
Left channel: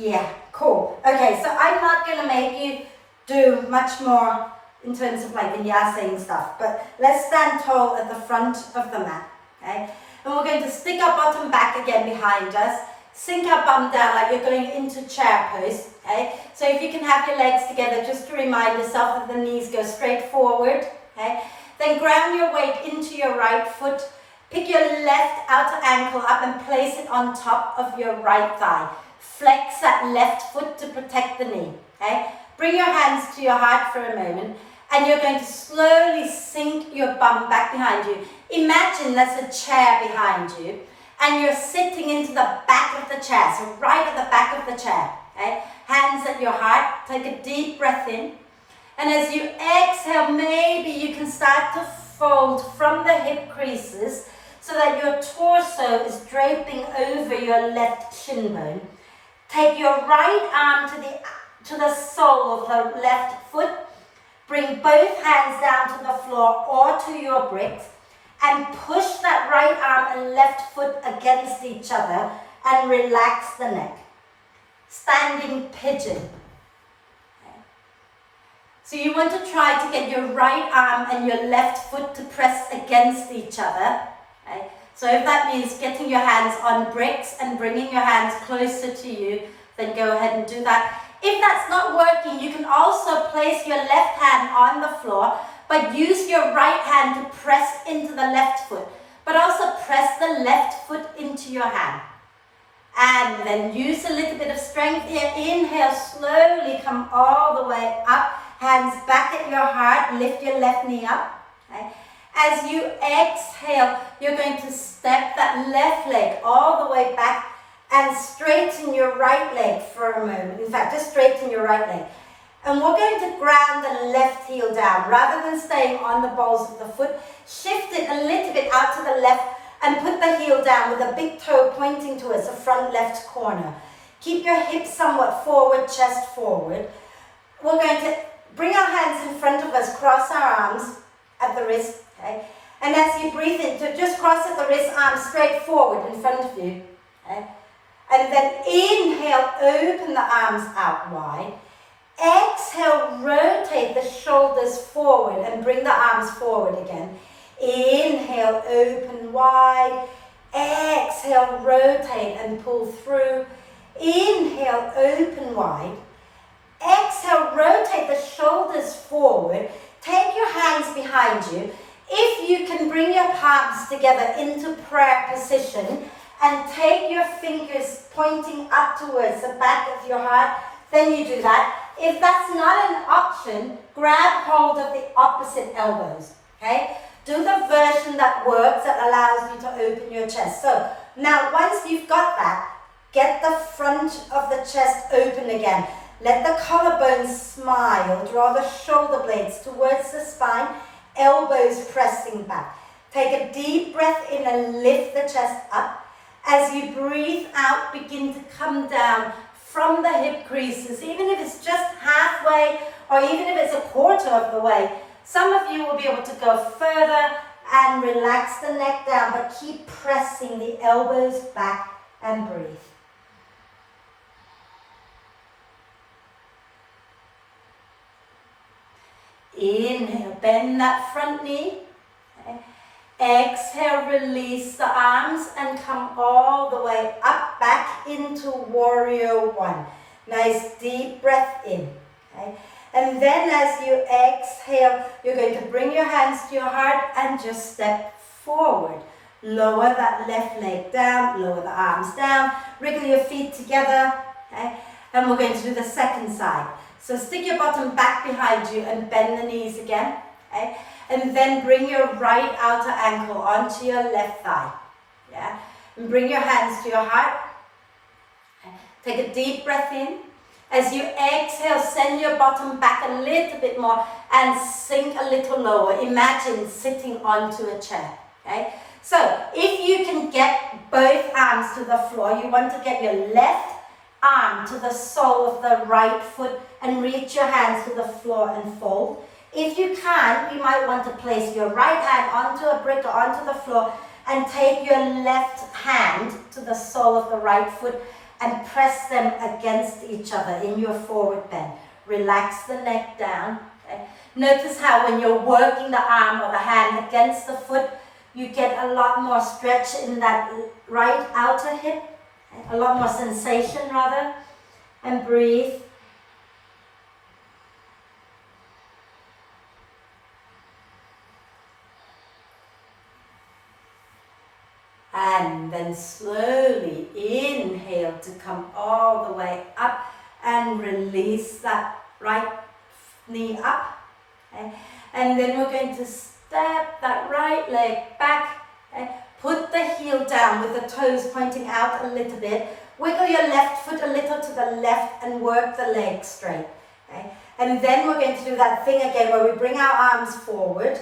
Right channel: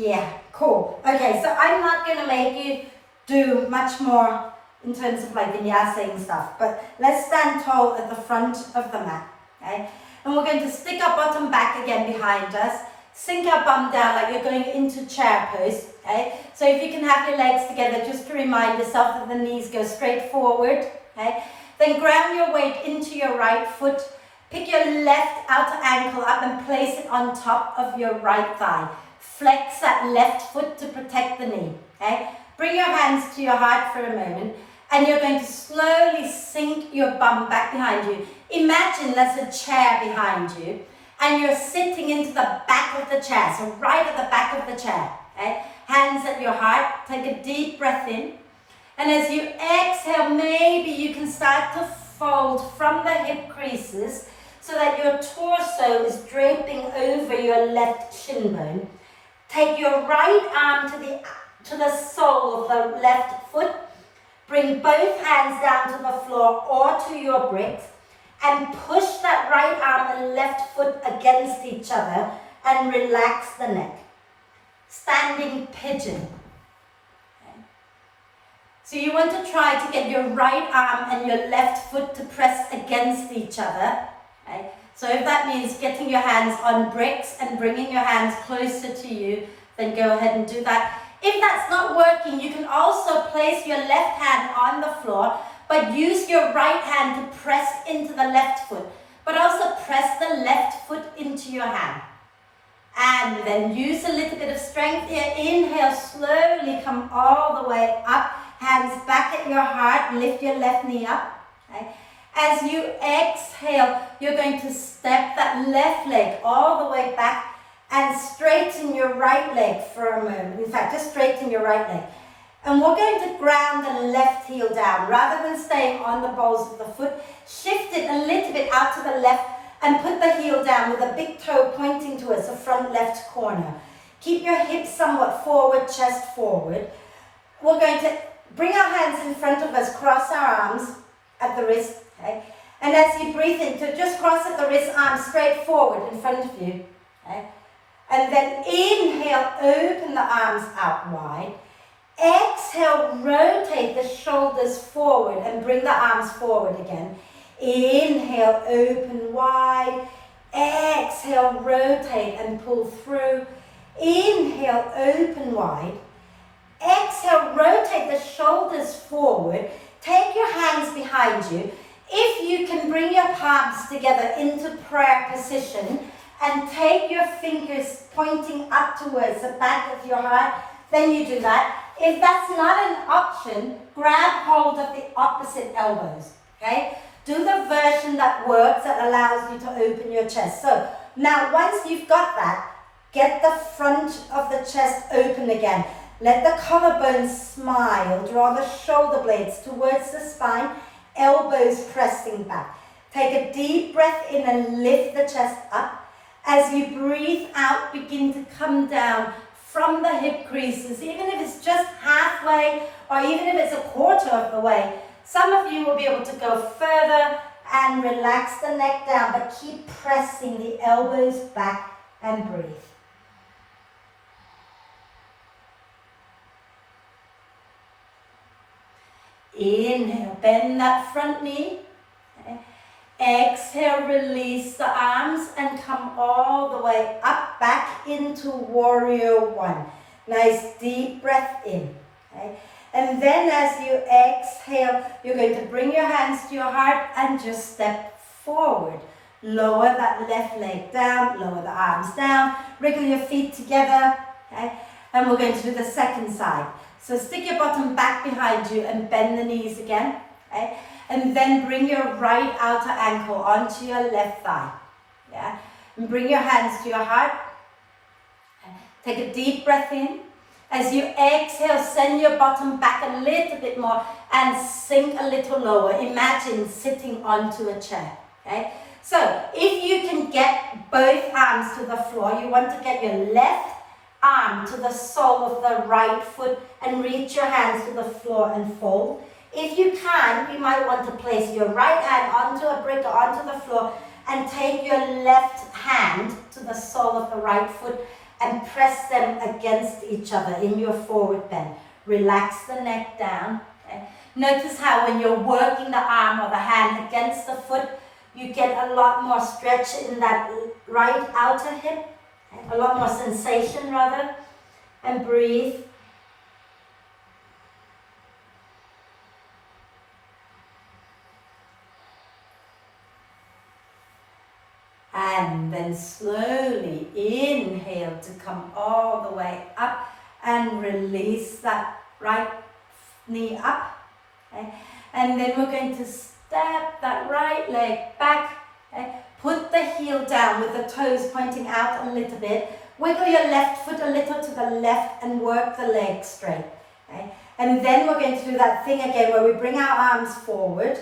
Yeah, cool. Okay, so I'm not going to make you do much more in terms of like vinyasa and stuff, but let's stand tall at the front of the mat, okay? And we're going to stick our bottom back again behind us, sink our bum down like you're going into chair pose, okay? So if you can have your legs together, just to remind yourself that the knees go straight forward, okay? Then ground your weight into your right foot, pick your left outer ankle up and place it on top of your right thigh. Flex that left foot to protect the knee, okay? Bring your hands to your heart for a moment, and you're going to slowly sink your bum back behind you. Imagine there's a chair behind you, and you're sitting into the back of the chair, so right at the back of the chair, okay? Hands at your heart, take a deep breath in, and as you exhale, maybe you can start to fold from the hip creases so that your torso is draping over your left shin bone. Take your right arm to the sole of the left foot. Bring both hands down to the floor or to your bricks and push that right arm and left foot against each other and relax the neck. Standing pigeon. Okay. So you want to try to get your right arm and your left foot to press against each other. Okay. So if that means getting your hands on bricks and bringing your hands closer to you, then go ahead and do that. If that's not working, you can also place your left hand on the floor, but use your right hand to press into the left foot, but also press the left foot into your hand. And then use a little bit of strength here. Inhale, slowly come all the way up, hands back at your heart, lift your left knee up. Okay. As you exhale, you're going to step that left leg all the way back and straighten your right leg for a moment. In fact, just straighten your right leg. And we're going to ground the left heel down. Rather than staying on the balls of the foot, shift it a little bit out to the left and put the heel down with the big toe pointing towards the front left corner. Keep your hips somewhat forward, chest forward. We're going to bring our hands in front of us, cross our arms at the wrist. Okay? And as you breathe in, to just cross at the wrist, arms straight forward in front of you. Okay? And then inhale, open the arms out wide. Exhale, rotate the shoulders forward and bring the arms forward again. Inhale, open wide. Exhale, rotate and pull through. Inhale, open wide. Exhale, rotate the shoulders forward. Take your hands behind you. If you can bring your palms together into prayer position and take your fingers pointing up towards the back of your heart, then you do that. If that's not an option, grab hold of the opposite elbows, okay? Do the version that works, that allows you to open your chest. So now once you've got that, get the front of the chest open again. Let the collarbones smile. Draw the shoulder blades towards the spine, elbows pressing back. Take a deep breath in and lift the chest up. As you breathe out, begin to come down from the hip creases, even if it's just halfway or even if it's a quarter of the way. Some of you will be able to go further and relax the neck down, but keep pressing the elbows back and breathe. Inhale, bend that front knee. Okay. Exhale, release the arms and come all the way up, back into warrior one. Nice deep breath in. Okay. And then as you exhale, you're going to bring your hands to your heart and just step forward. Lower that left leg down, lower the arms down, wriggle your feet together. Okay. And we're going to do the second side. So stick your bottom back behind you and bend the knees again. Okay. And then bring your right outer ankle onto your left thigh. Yeah. And bring your hands to your heart. Take a deep breath in. As you exhale, send your bottom back a little bit more and sink a little lower. Imagine sitting onto a chair. Okay. So if you can get both arms to the floor, you want to get your left arm to the sole of the right foot and reach your hands to the floor and fold. If you can, you might want to place your right hand onto a brick or onto the floor and take your left hand to the sole of the right foot and press them against each other in your forward bend. Relax the neck down. Okay? Notice how when you're working the arm or the hand against the foot, you get a lot more stretch in that right outer hip, okay? A lot more sensation rather, and breathe. And then slowly inhale to come all the way up and release that right knee up. Okay? And then we're going to step that right leg back. Okay? Put the heel down with the toes pointing out a little bit. Wiggle your left foot a little to the left and work the leg straight. Okay? And then we're going to do that thing again where we bring our arms forward.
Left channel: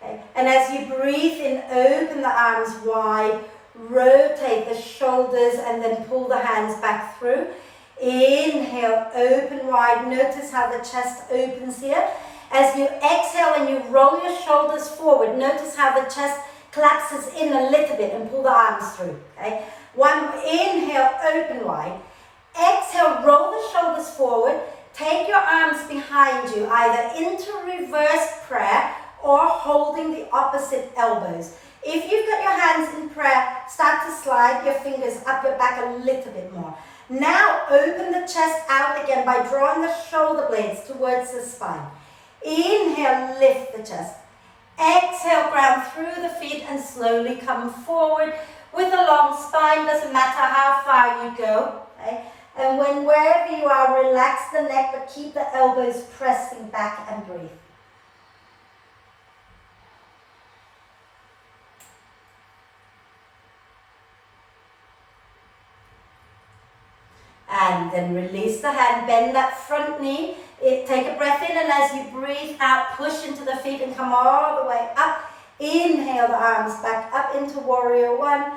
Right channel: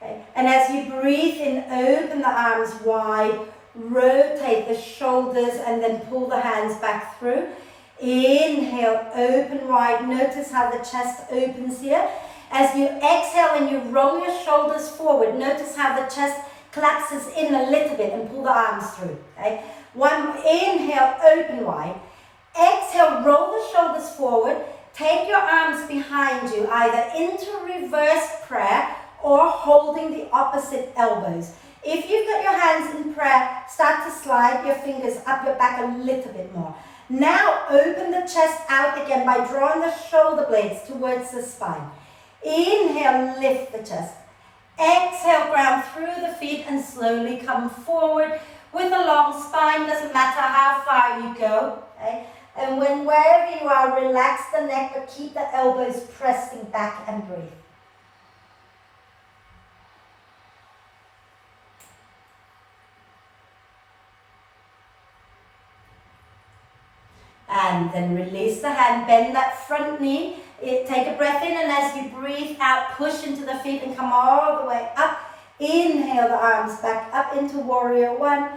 Okay. And as you breathe in, open the arms wide, rotate the shoulders and then pull the hands back through. Inhale, open wide. Notice how the chest opens here. As you exhale and you roll your shoulders forward, notice how the chest collapses in a little bit and pull the arms through. Okay. Inhale, open wide. Exhale, roll the shoulders forward. Take your arms behind you, either into reverse prayer or holding the opposite elbows. If you've got your hands in prayer, start to slide your fingers up your back a little bit more. Now open the chest out again by drawing the shoulder blades towards the spine. Inhale, lift the chest. Exhale, ground through the feet and slowly come forward with a long spine. Doesn't matter how far you go. Okay? And wherever you are, relax the neck but keep the elbows pressing back and breathe. And then release the hand, bend that front knee, take a breath in, and as you breathe out, push into the feet and come all the way up. Inhale the arms back up into warrior one.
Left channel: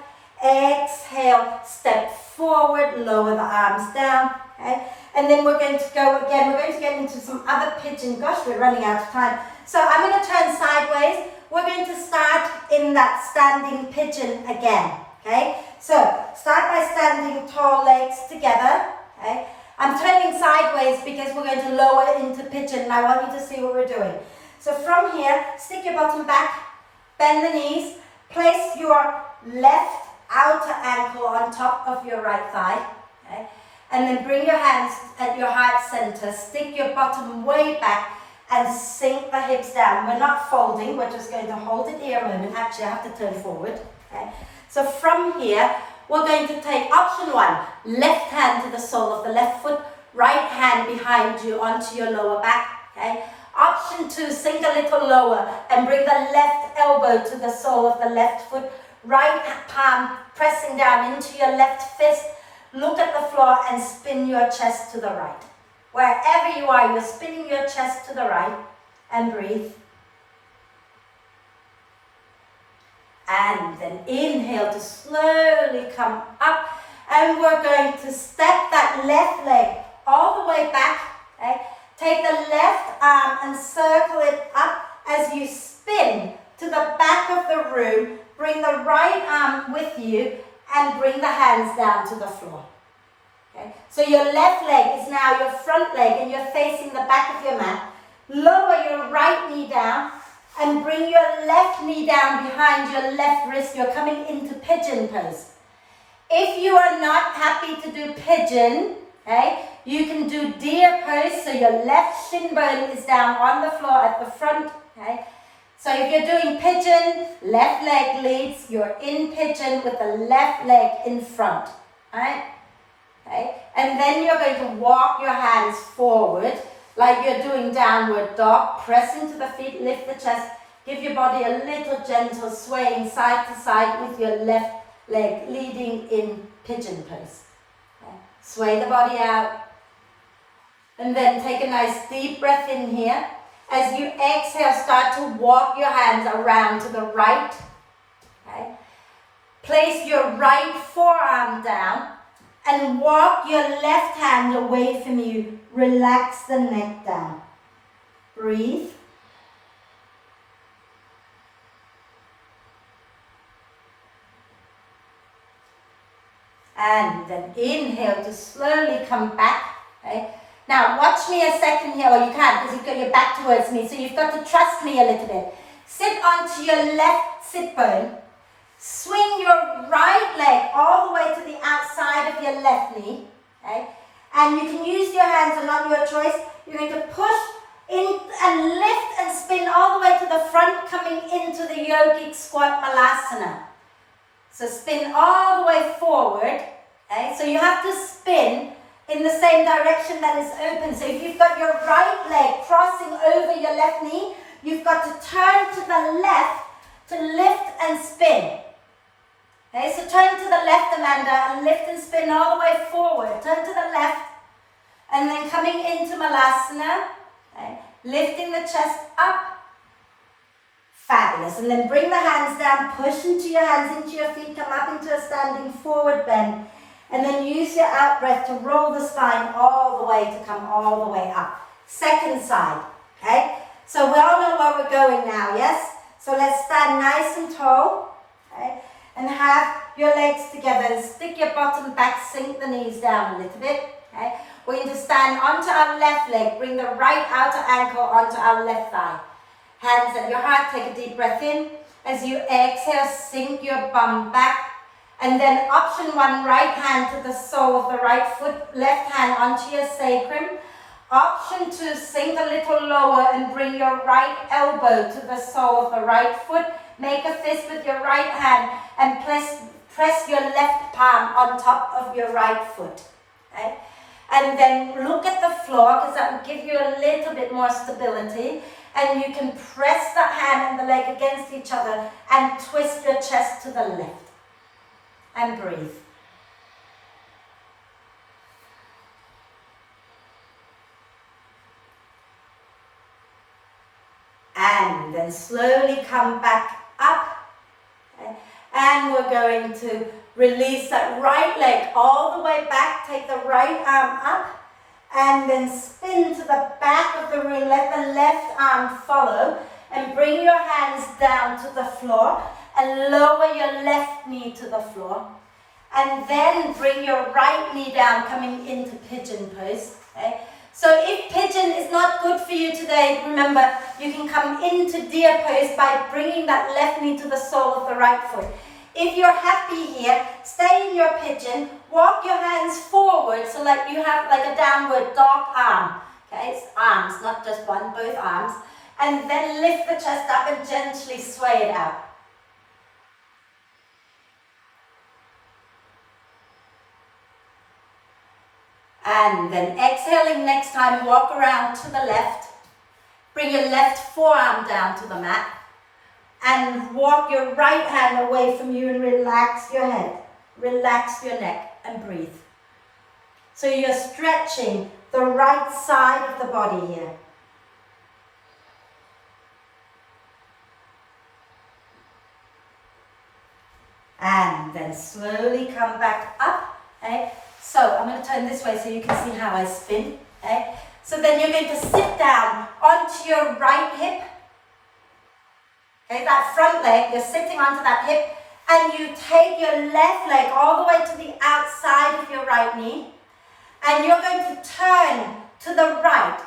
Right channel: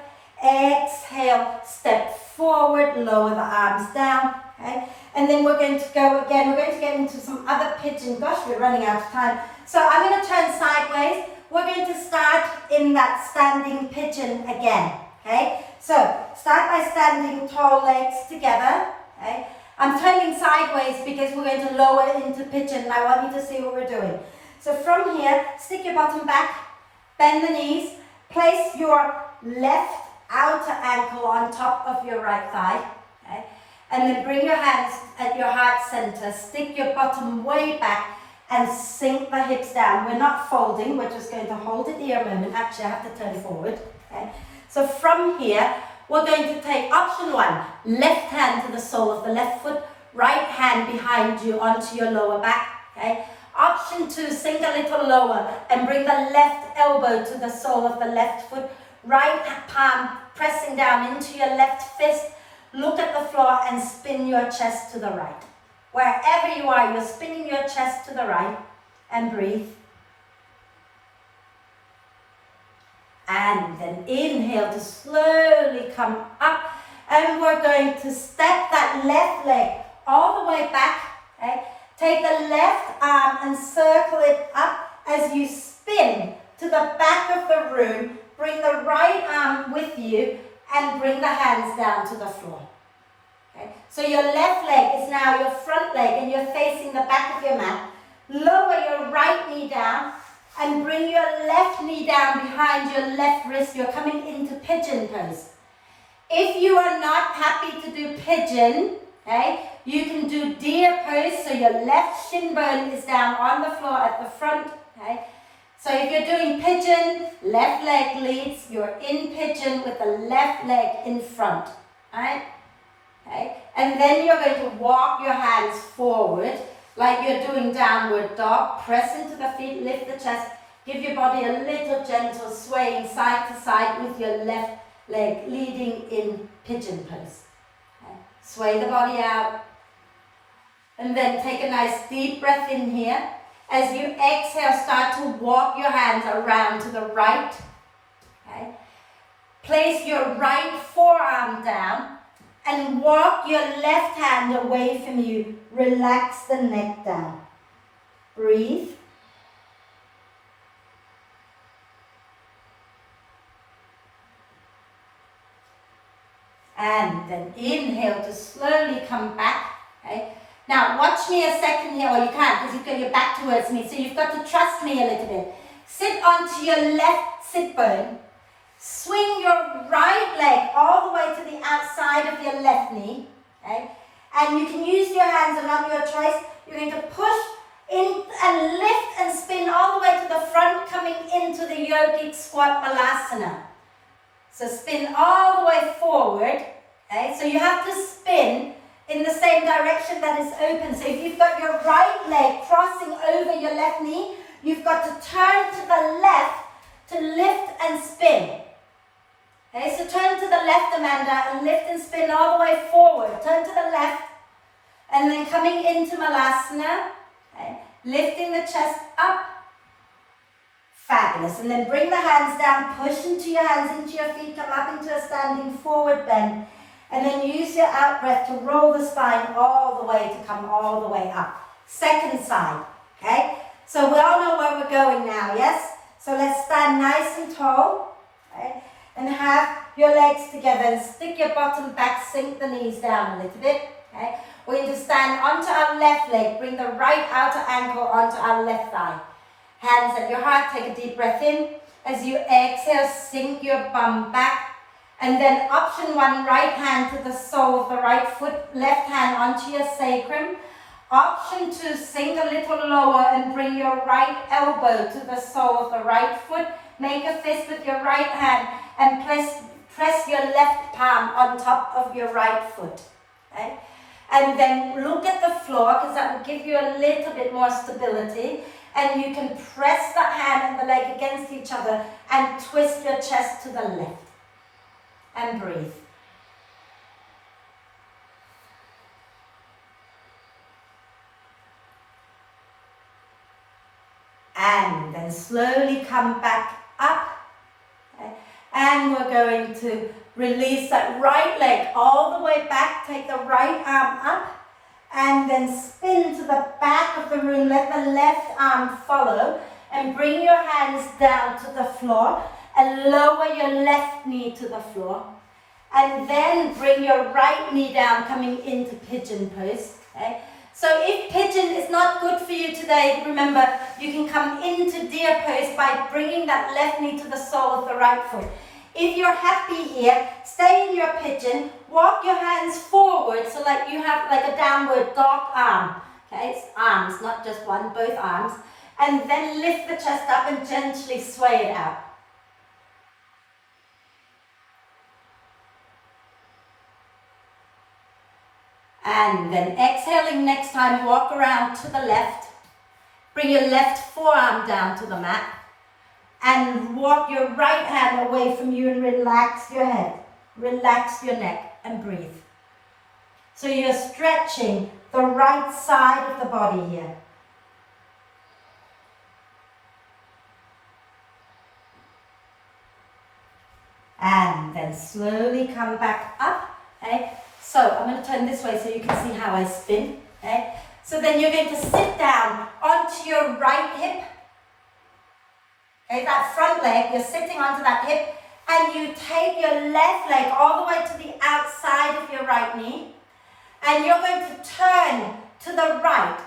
Exhale, step forward, lower the arms down. Okay? And then we're going to go again, we're going to get into some other pigeon. Gosh, we're running out of time. So I'm going to turn sideways. We're going to start in that standing pigeon again. Okay, so start by standing tall legs together. Okay, I'm turning sideways because we're going to lower into pigeon and I want you to see what we're doing. So from here, stick your bottom back, bend the knees, place your left outer ankle on top of your right thigh. Okay, and then bring your hands at your heart center, stick your bottom way back and sink the hips down. We're not folding, we're just going to hold it here a moment. Actually, I have to turn forward. Okay. So from here, we're going to take option one, left hand to the sole of the left foot, right hand behind you onto your lower back. Okay. Option two, sink a little lower and bring the left elbow to the sole of the left foot, right palm pressing down into your left fist. Look at the floor and spin your chest to the right. Wherever you are, you're spinning your chest to the right and breathe. And then inhale to slowly come up. And we're going to step that left leg all the way back. Okay? Take the left arm and circle it up as you spin to the back of the room. Bring the right arm with you and bring the hands down to the floor. Okay? So your left leg is now your front leg and you're facing the back of your mat. Lower your right knee down. And bring your left knee down behind your left wrist. You're coming into pigeon pose. If you are not happy to do pigeon, okay, you can do deer pose. So your left shin bone is down on the floor at the front. Okay. So if you're doing pigeon, left leg leads. You're in pigeon with the left leg in front. Right? Okay. And then you're going to walk your hands forward. Like you're doing downward dog, press into the feet, lift the chest, give your body a little gentle swaying side to side with your left leg leading in pigeon pose. Okay. Sway the body out and then take a nice deep breath in here. As you exhale, start to walk your hands around to the right. Okay. Place your right forearm down. And walk your left hand away from you. Relax the neck down. Breathe. And then inhale to slowly come back. Okay. Now watch me a second here, or you can't because you've got your back towards me, so you've got to trust me a little bit. Sit onto your left sit bone. Swing your right leg all the way to the outside of your left knee. Okay. And you can use your hands and on your choice. You're going to push in and lift and spin all the way to the front, coming into the yogic squat malasana. So spin all the way forward. Okay? So you have to spin in the same direction that is open. So if you've got your right leg crossing over your left knee, you've got to turn to the left to lift and spin. Okay, so turn to the left, Amanda, and lift and spin all the way forward. Turn to the left, and then coming into Malasana, okay, lifting the chest up. Fabulous. And then bring the hands down, push into your hands, into your feet, come up into a standing forward bend. And then use your out breath to roll the spine all the way to come all the way up. Second side, okay? So we all know where we're going now, yes? So let's stand nice and tall, okay? And have your legs together and stick your bottom back, sink the knees down a little bit, okay? We're going to stand onto our left leg, bring the right outer ankle onto our left thigh. Hands at your heart, take a deep breath in. As you exhale, sink your bum back. And then option one, right hand to the sole of the right foot, left hand onto your sacrum. Option two, sink a little lower and bring your right elbow to the sole of the right foot. Make a fist with your right hand and press your left palm on top of your right foot. Okay? And then look at the floor, because that will give you a little bit more stability. And you can press the hand and the leg against each other and twist your chest to the left. And breathe. And then slowly come back up. Okay. And we're going to release that right leg all the way back. Take the right arm up. And then spin to the back of the room. Let the left arm follow. And bring your hands down to the floor. And lower your left knee to the floor. And then bring your right knee down, coming into pigeon pose. Okay? So if pigeon is not good for you today, remember, you can come into deer pose by bringing that left knee to the sole of the right foot. If you're happy here, stay in your pigeon, walk your hands forward so like you have like a downward dog arm. Okay, it's arms, not just one, both arms. And then lift the chest up and gently sway it out. And then exhaling next time, walk around to the left. Bring your left forearm down to the mat. And walk your right hand away from you and relax your head. Relax your neck and breathe. So you're stretching the right side of the body here. And then slowly come back up. Okay? So I'm going to turn this way so you can see how I spin. Okay? So then you're going to sit down onto your right hip. Okay, that front leg, you're sitting onto that hip, and you take your left leg all the way to the outside of your right knee, and you're going to turn to the right.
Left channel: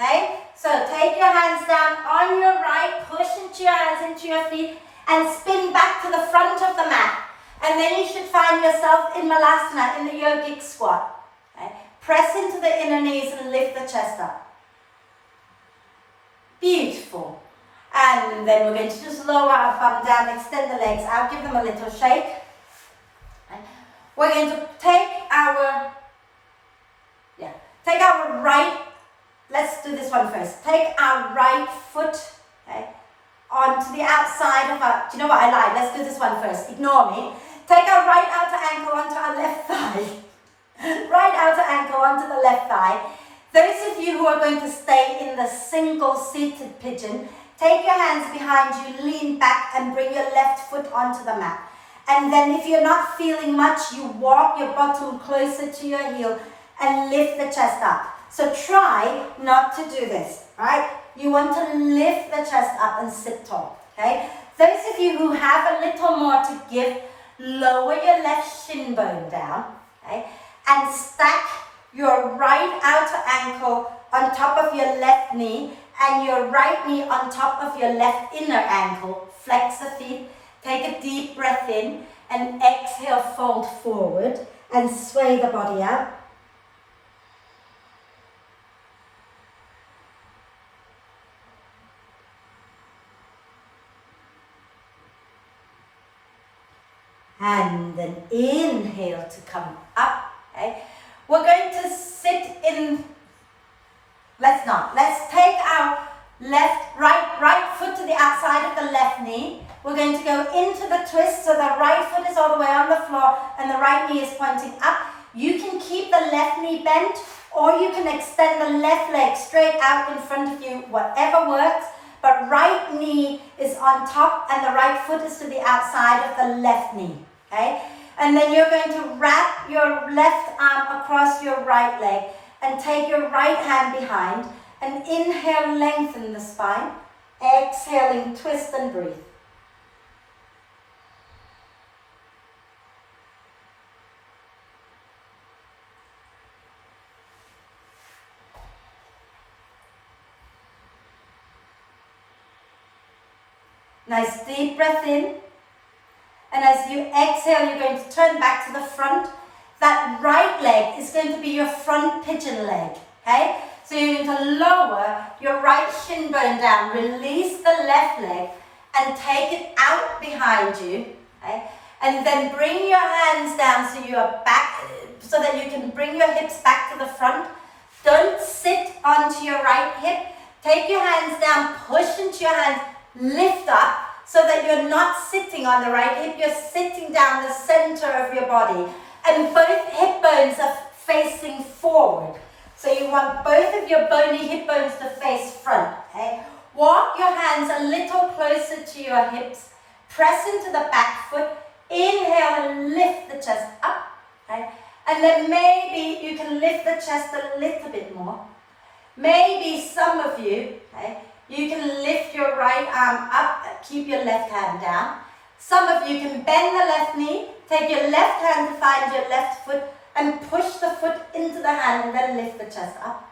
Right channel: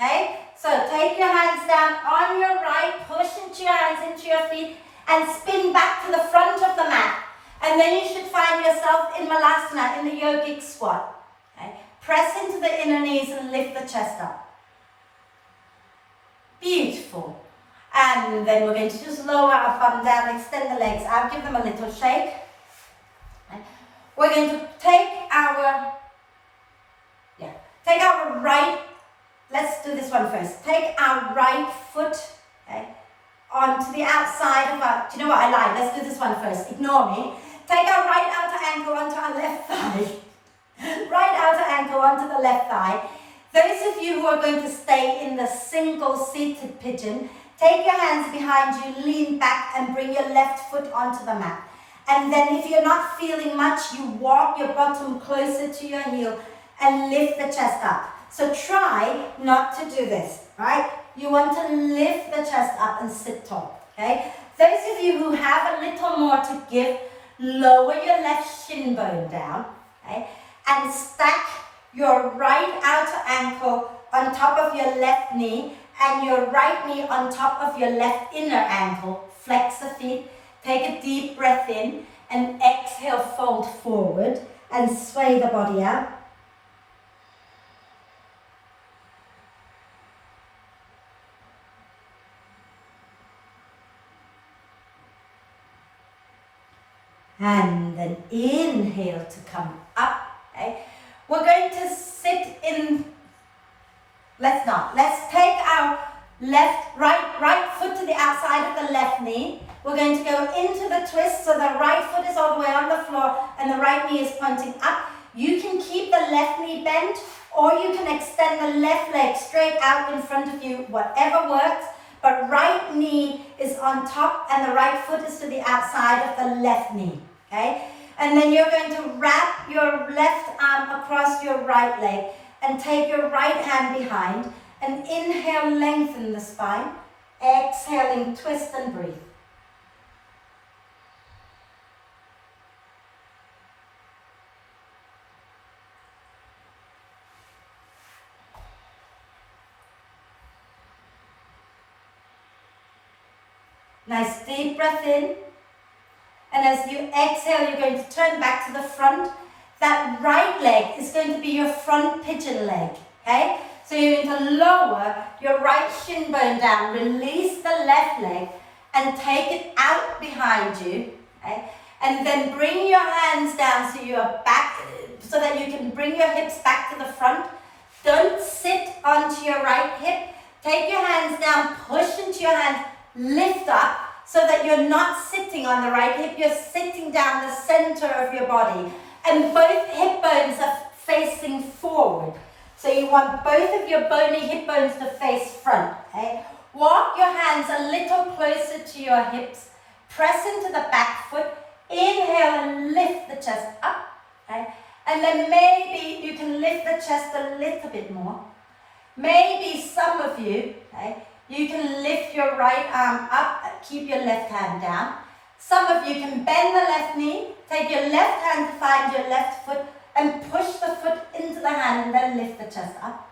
Okay? So take your hands down on your right, push into your hands into your feet, and spin back to the front of the mat. And then you should find yourself in Malasana, in the yogic squat. Okay? Press into the inner knees and lift the chest up. Beautiful. And then we're going to just lower our bum down, extend the legs out, give them a little shake. Okay? We're going to take our right, let's do this one first. Take our right foot, okay, onto the outside of our, do you know what, I lied, let's do this one first, ignore me. Take our right outer ankle onto our left thigh. Right outer ankle onto the left thigh. Those of you who are going to stay in the single seated pigeon, take your hands behind you, lean back and bring your left foot onto the mat. And then if you're not feeling much, you walk your bottom closer to your heel and lift the chest up. So try not to do this, right? You want to lift the chest up and sit tall, okay? Those of you who have a little more to give, lower your left shin bone down, okay, and stack your right outer ankle on top of your left knee and your right knee on top of your left inner ankle. Flex the feet, take a deep breath in, and exhale, fold forward and sway the body out. And then inhale to come up, okay? We're going to sit in, let's take our right foot to the outside of the left knee. We're going to go into the twist so the right foot is all the way on the floor and the right knee is pointing up. You can keep the left knee bent or you can extend the left leg straight out in front of you, whatever works. But right knee is on top and the right foot is to the outside of the left knee, okay? And then you're going to wrap your left arm across your right leg and take your right hand behind and inhale, lengthen the spine. Exhaling, twist and breathe. Nice deep breath in. And as you exhale, you're going to turn back to the front. That right leg is going to be your front pigeon leg, okay? So you're going to lower your right shin bone down, release the left leg, and take it out behind you, okay? And then bring your hands down so you're back, so that you can bring your hips back to the front. Don't sit onto your right hip. Take your hands down, push into your hands, lift up, so that you're not sitting on the right hip, you're sitting down the center of your body. And both hip bones are facing forward. So you want both of your bony hip bones to face front, okay? Walk your hands a little closer to your hips. Press into the back foot. Inhale and lift the chest up, okay? And then maybe you can lift the chest a little bit more. Maybe some of you, okay, you can lift your right arm up, keep your left hand down. Some of you can bend the left knee, take your left hand to find your left foot and push the foot into the hand and then lift the chest up.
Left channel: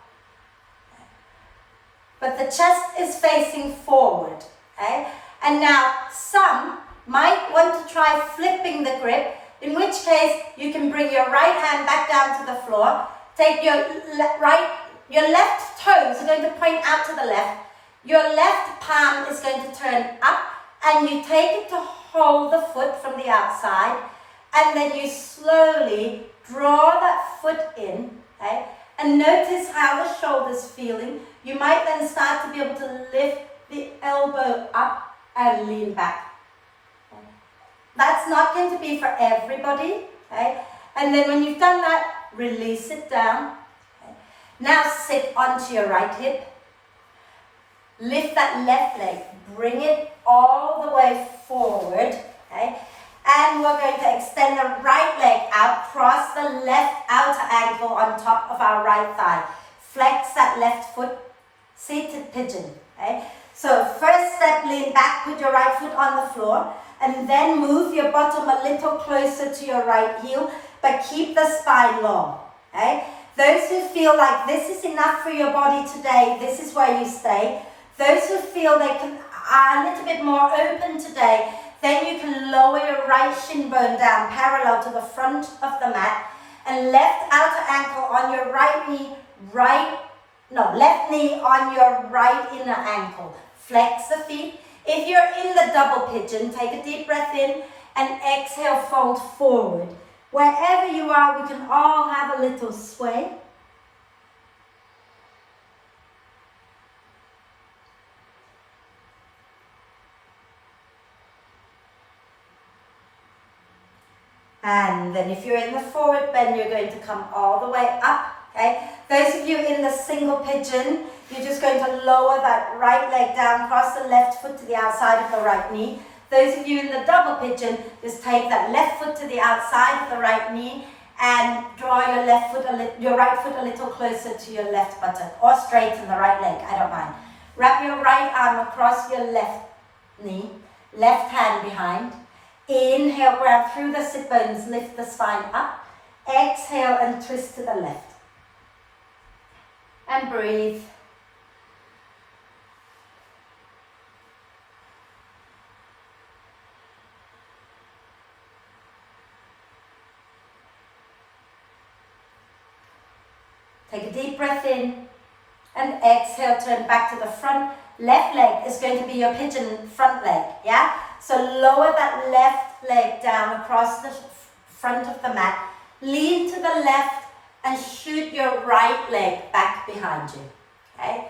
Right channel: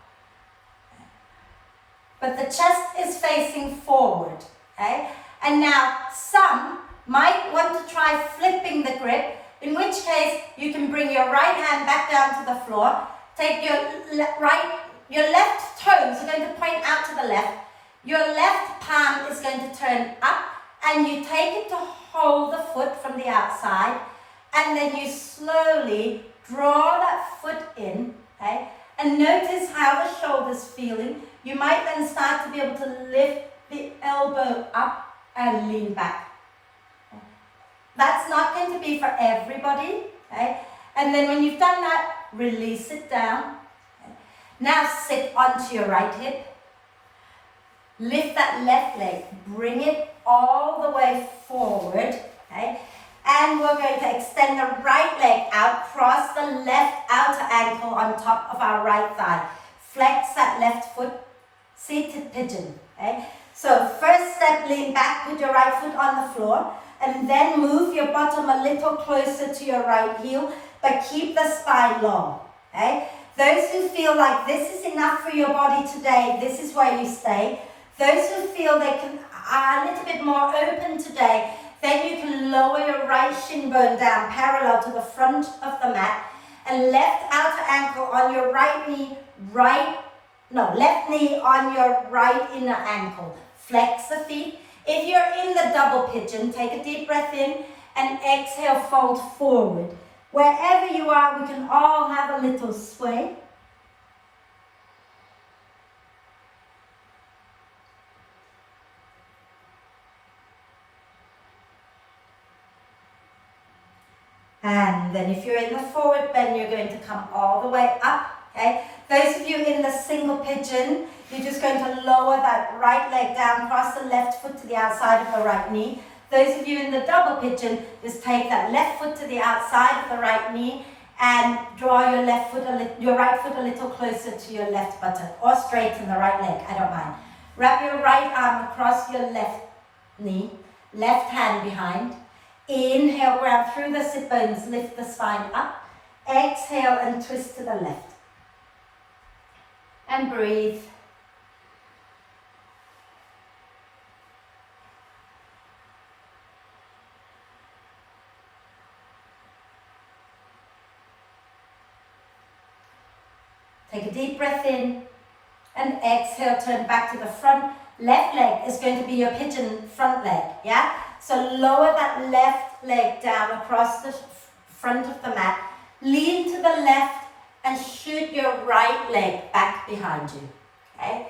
But the chest is facing forward, okay? And now some might want to try flipping the grip, in which case you can bring your right hand back down to the floor, take your left toes are going to point out to the left. Your left palm is going to turn up and you take it to hold the foot from the outside and then you slowly draw that foot in, okay? And notice how the shoulder's feeling. You might then start to be able to lift the elbow up and lean back. That's not going to be for everybody, okay? And then when you've done that, release it down. Okay? Now sit onto your right hip. Lift that left leg, bring it all the way forward, okay? And we're going to extend the right leg out, cross the left outer ankle on top of our right thigh. Flex that left foot, seated pigeon, okay? So first step, lean back, put your right foot on the floor, and then move your bottom a little closer to your right heel, but keep the spine long, okay? Those who feel like this is enough for your body today, this is where you stay. Those who feel they are a little bit more open today, then you can lower your right shin bone down parallel to the front of the mat and left outer ankle on your right knee, left knee on your right inner ankle. Flex the feet. If you're in the double pigeon, take a deep breath in and exhale, fold forward. Wherever you are, we can all have a little sway. And then if you're in the forward bend, you're going to come all the way up, okay? Those of you in the single pigeon, you're just going to lower that right leg down, cross the left foot to the outside of the right knee. Those of you in the double pigeon, just take that left foot to the outside of the right knee and draw your right foot a little closer to your left buttock, or straighten the right leg, I don't mind. Wrap your right arm across your left knee, left hand behind. Inhale, grab through the sit bones, lift the spine up. Exhale and twist to the left. And breathe. Take a deep breath in and exhale, turn back to the front. Left leg is going to be your pigeon front leg, yeah? So lower that left leg down across the front of the mat. Lean to the left and shoot your right leg back behind you, okay?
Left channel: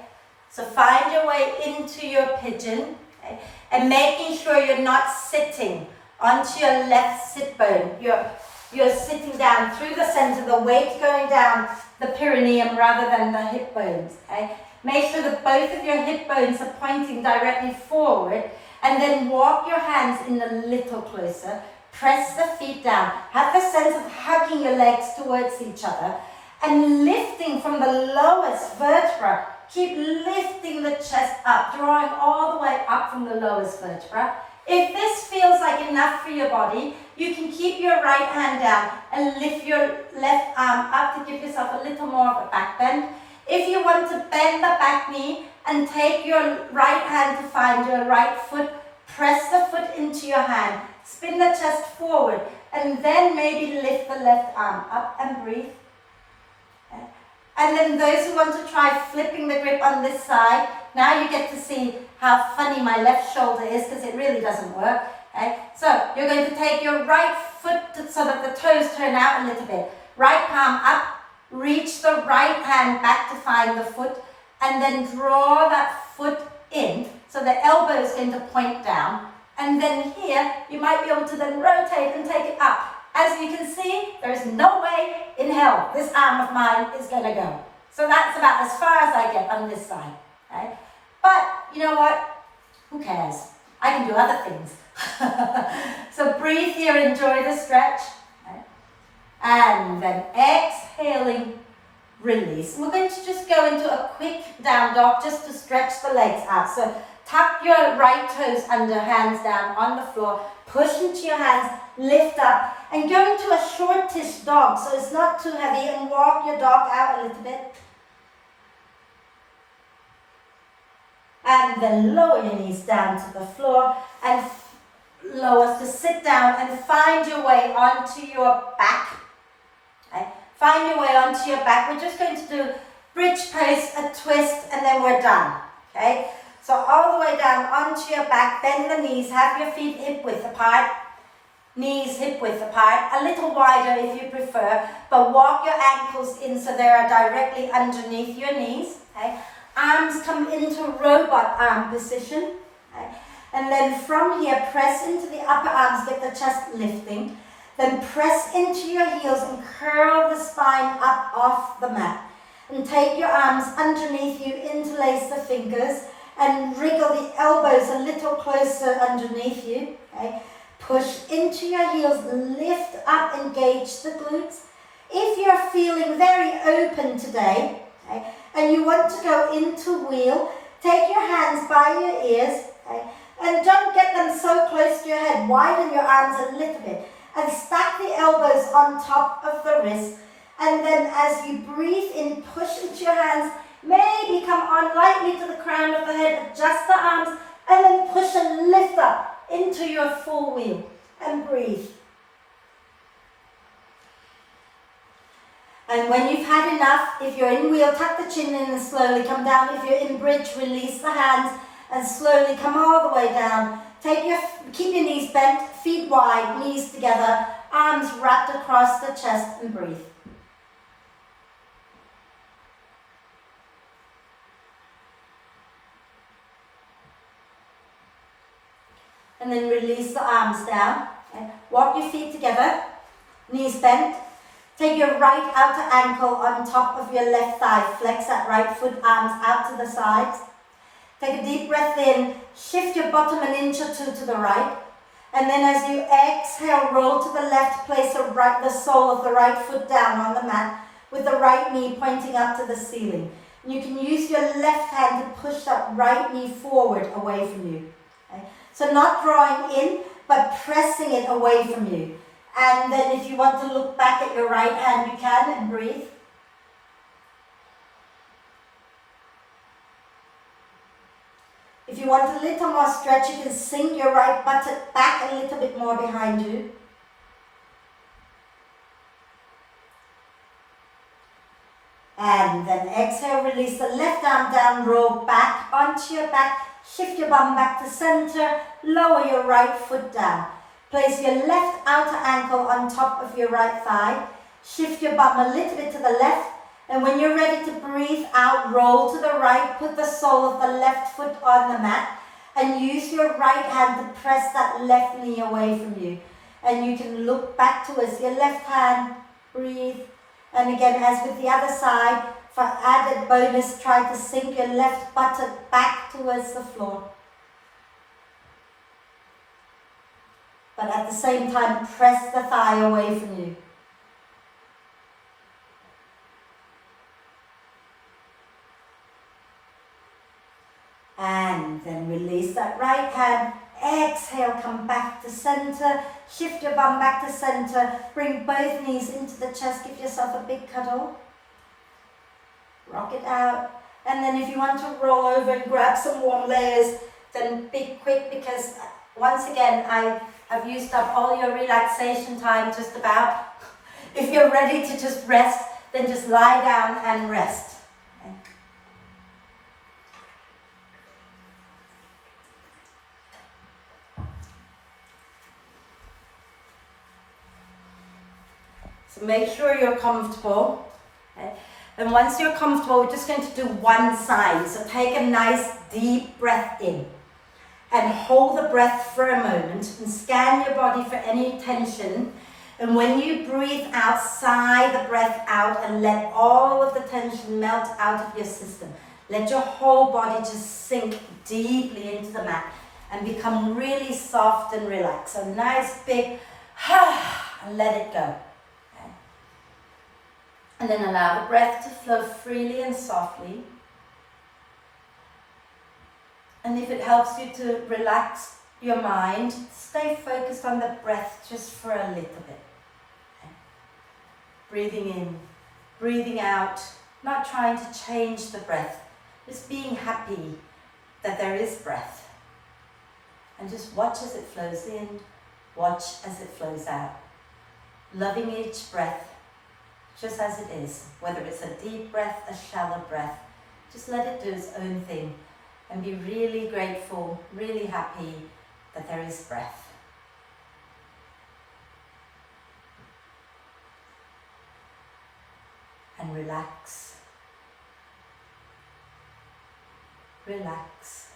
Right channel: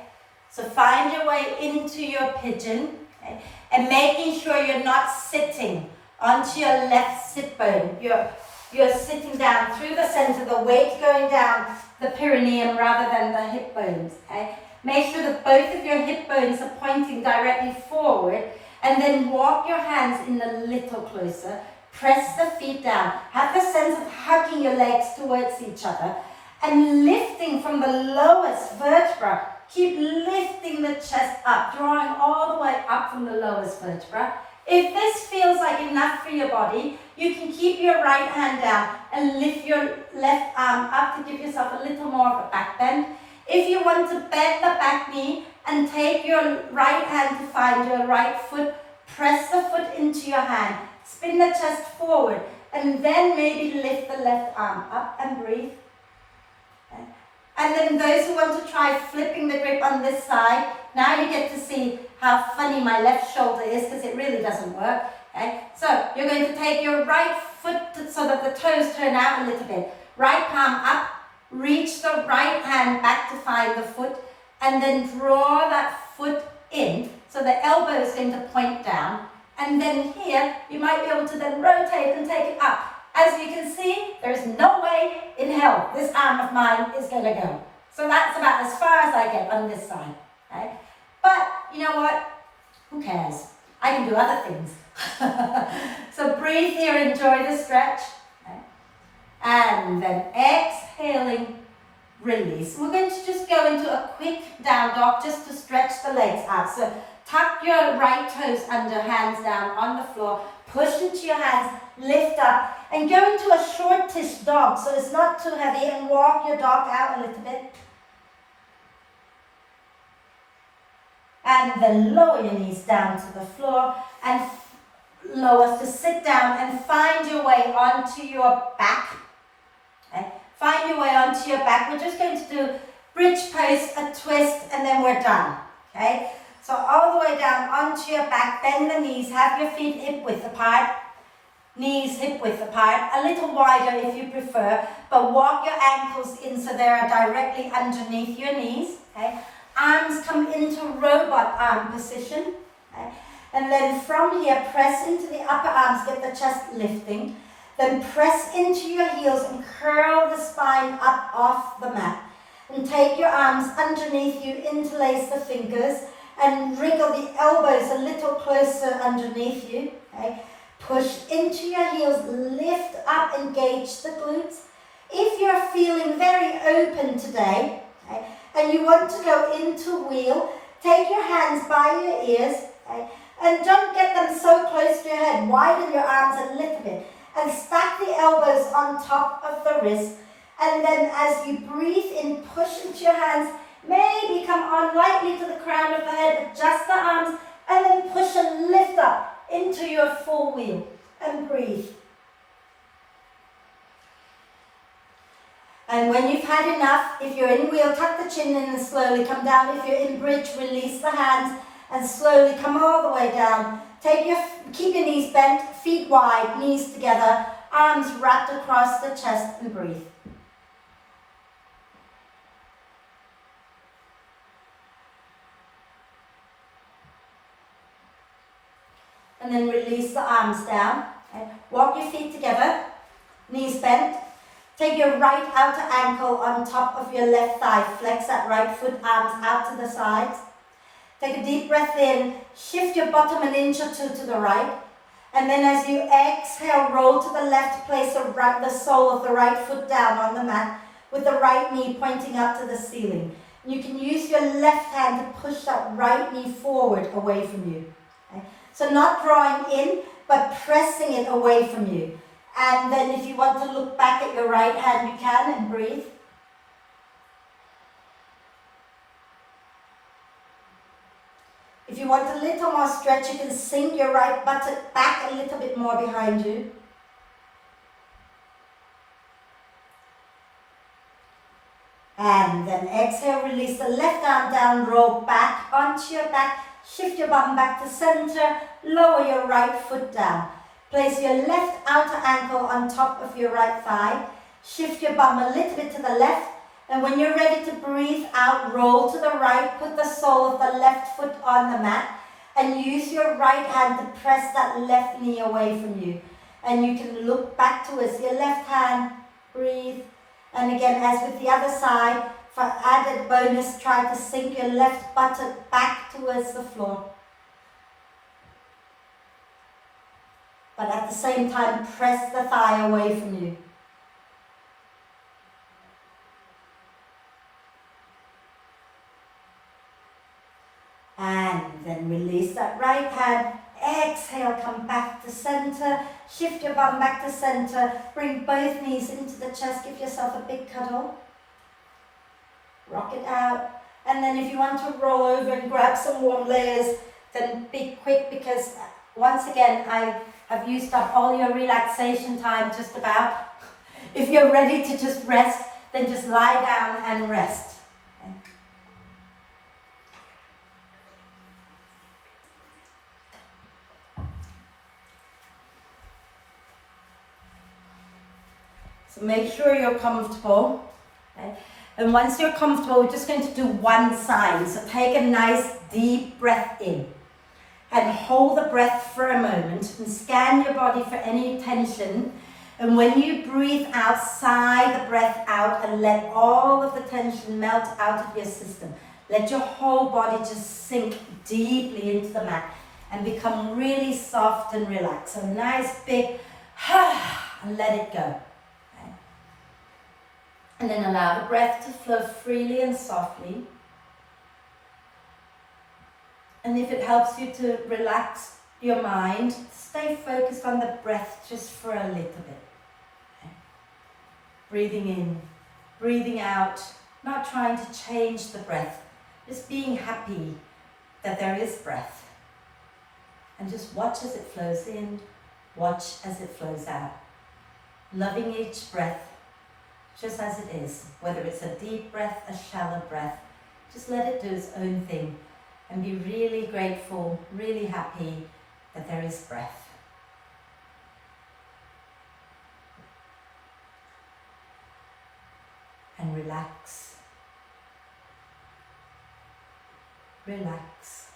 So find your way into your pigeon, okay? And making sure you're not sitting onto your left sit bone. You're sitting down through the center, the weight going down the perineum rather than the hip bones, okay? Make sure that both of your hip bones are pointing directly forward, and then walk your hands in a little closer. Press the feet down. Have the sense of hugging your legs towards each other and lifting from the lowest vertebra. Keep lifting the chest up, drawing all the way up from the lowest vertebra. If this feels like enough for your body, you can keep your right hand down and lift your left arm up to give yourself a little more of a back bend. If you want to bend the back knee and take your right hand to find your right foot, press the foot into your hand, spin the chest forward, and then maybe lift the left arm up and breathe. And then those who want to try flipping the grip on this side, now you get to see how funny my left shoulder is because it really doesn't work. Okay? So you're going to take your right foot so that the toes turn out a little bit. Right palm up, reach the right hand back to find the foot, and then draw that foot in. So the elbow is going to point down. And then here, you might be able to then rotate and take it up. As you can see, there is no way in hell this arm of mine is going to go. So that's about as far as I get on this side. Right? But you know what? Who cares? I can do other things. So breathe here, enjoy the stretch. Right? And then exhaling, release. We're going to just go into a quick down dog just to stretch the legs out. So tuck your right toes under, hands down on the floor. Push into your hands, lift up, and go into a shortish dog, so it's not too heavy, and walk your dog out a little bit. And then lower your knees down to the floor, and lower to sit down, and find your way onto your back. Okay? Find your way onto your back. We're just going to do bridge pose, a twist, and then we're done. Okay? So all the way down onto your back, bend the knees, have your feet hip width apart, knees hip width apart, a little wider if you prefer, but walk your ankles in so they are directly underneath your knees. Okay? Arms come into robot arm position. Okay? And then from here, press into the upper arms, get the chest lifting. Then press into your heels and curl the spine up off the mat. And take your arms underneath you, interlace the fingers, and wriggle the elbows a little closer underneath you. Okay? Push into your heels, lift up, engage the glutes. If you're feeling very open today, okay, and you want to go into wheel, take your hands by your ears, okay, and don't get them so close to your head. Widen your arms a little bit and stack the elbows on top of the wrist. And then as you breathe in, push into your hands, maybe come on lightly to the crown of the head, adjust the arms, and then push and lift up into your full wheel, and breathe. And when you've had enough, if you're in wheel, tuck the chin in and slowly come down. If you're in bridge, release the hands and slowly come all the way down. Keep your knees bent, feet wide, knees together, arms wrapped across the chest, and breathe. And then release the arms down. Okay. Walk your feet together, knees bent. Take your right outer ankle on top of your left thigh. Flex that right foot, arms out to the sides. Take a deep breath in. Shift your bottom an inch or two to the right. And then as you exhale, roll to the left, place the sole of the right foot down on the mat with the right knee pointing up to the ceiling. And you can use your left hand to push that right knee forward away from you. Okay. So not drawing in, but pressing it away from you. And then if you want to look back at your right hand, you can, and breathe. If you want a little more stretch, you can sink your right buttock back a little bit more behind you. And then exhale, release the left arm down, roll back onto your back, shift your bum back to center, lower your right foot down. Place your left outer ankle on top of your right thigh, shift your bum a little bit to the left, and when you're ready to breathe out, roll to the right, put the sole of the left foot on the mat, and use your right hand to press that left knee away from you. And you can look back towards your left hand, breathe. And again, as with the other side, for added bonus, try to sink your left buttock back towards the floor. But at the same time, press the thigh away from you. And then release that right hand. Exhale, come back to center. Shift your bum back to center. Bring both knees into the chest. Give yourself a big cuddle. Rock it out. And then if you want to roll over and grab some warm layers, then be quick, because once again, I have used up all your relaxation time just about. If you're ready to just rest, then just lie down and rest. So make sure you're comfortable. Okay? And once you're comfortable, we're just going to do one sign. So take a nice deep breath in and hold the breath for a moment and scan your body for any tension. And when you breathe out, sigh the breath out and let all of the tension melt out of your system. Let your whole body just sink deeply into the mat and become really soft and relaxed. So nice big and let it go. And then allow the breath to flow freely and softly. And if it helps you to relax your mind, stay focused on the breath just for a little bit. Okay. Breathing in, breathing out, not trying to change the breath, just being happy that there is breath. And just watch as it flows in, watch as it flows out. Loving each breath just as it is, whether it's a deep breath, a shallow breath, just let it do its own thing and be really grateful, really happy that there is breath. And relax, relax,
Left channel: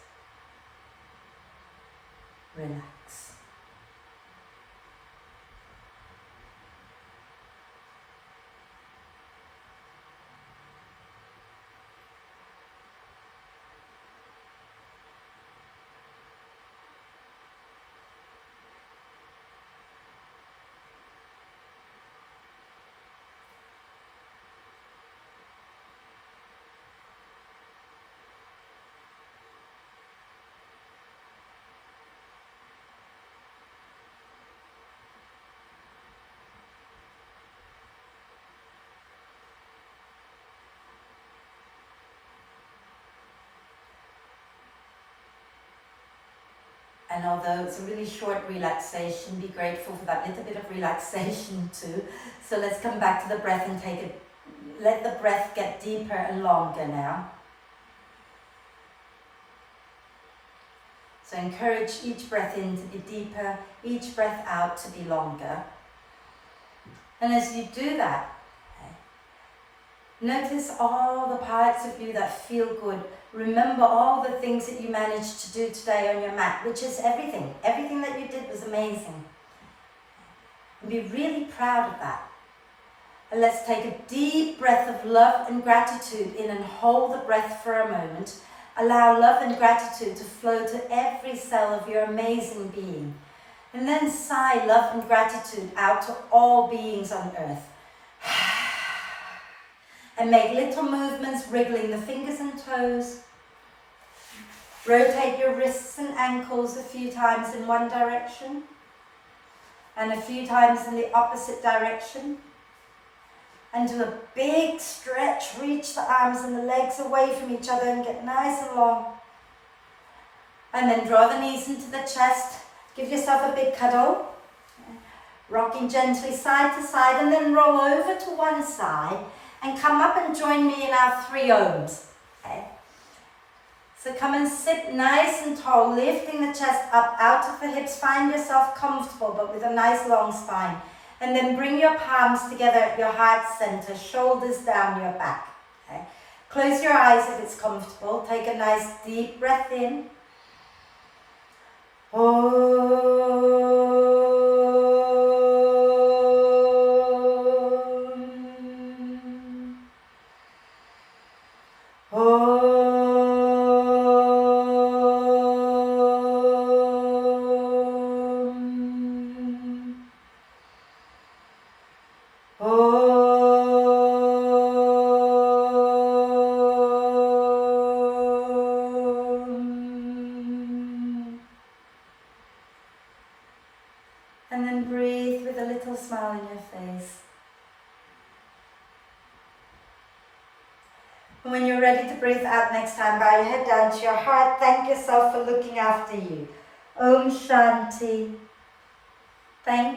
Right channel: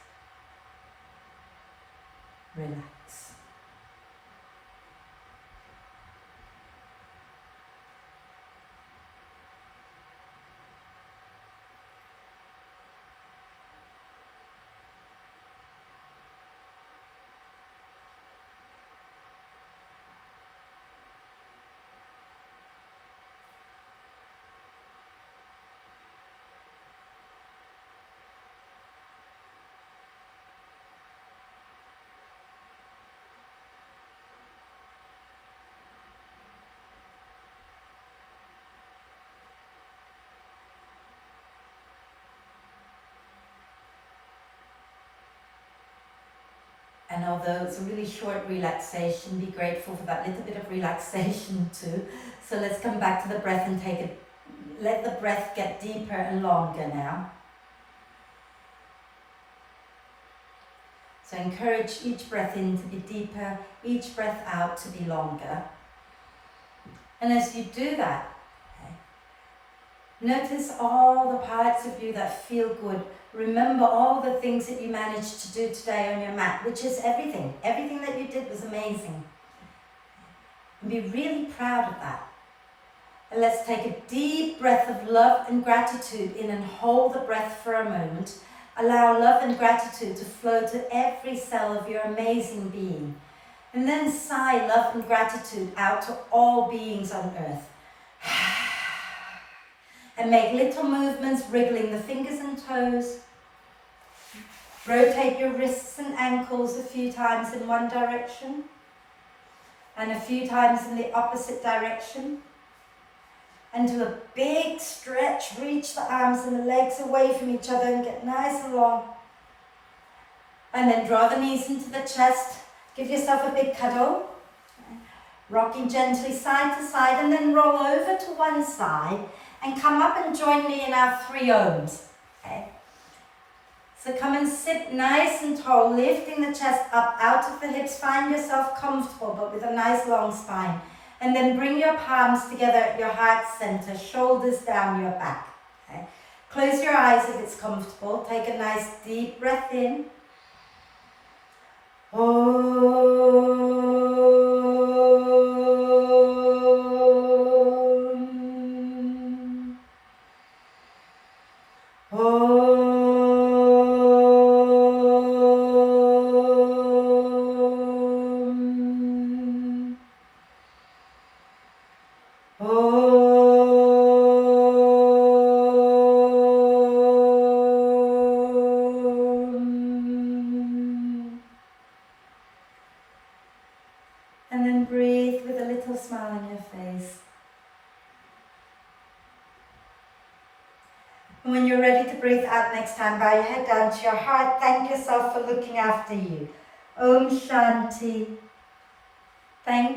relax. And although it's a really short relaxation, be grateful for that little bit of relaxation too. So let's come back to the breath and take it. Let the breath get deeper and longer now. So encourage each breath in to be deeper, each breath out to be longer. And as you do that, notice all the parts of you that feel good. Remember all the things that you managed to do today on your mat, which is everything. Everything that you did was amazing. And be really proud of that. And let's take a deep breath of love and gratitude in and hold the breath for a moment. Allow love and gratitude to flow to every cell of your amazing being. And then sigh love and gratitude out to all beings on earth. And make little movements, wriggling the fingers and toes. Rotate your wrists and ankles a few times in one direction. And a few times in the opposite direction. And do a big stretch, reach the arms and the legs away from each other and get nice and long. And then draw the knees into the chest, give yourself a big cuddle. Rocking gently side to side and then roll over to one side and come up and join me in our 3 ohms. Okay. So come and sit nice and tall, lifting the chest up out of the hips. Find yourself comfortable but with a nice long spine. And then bring your palms together at your heart center, shoulders down your back. Okay. Close your eyes if it's comfortable. Take a nice deep breath in. And then breathe with a little smile on your face. And when you're ready to breathe out next time, bow your head down to your heart. Thank yourself for looking after you. Om Shanti. Thank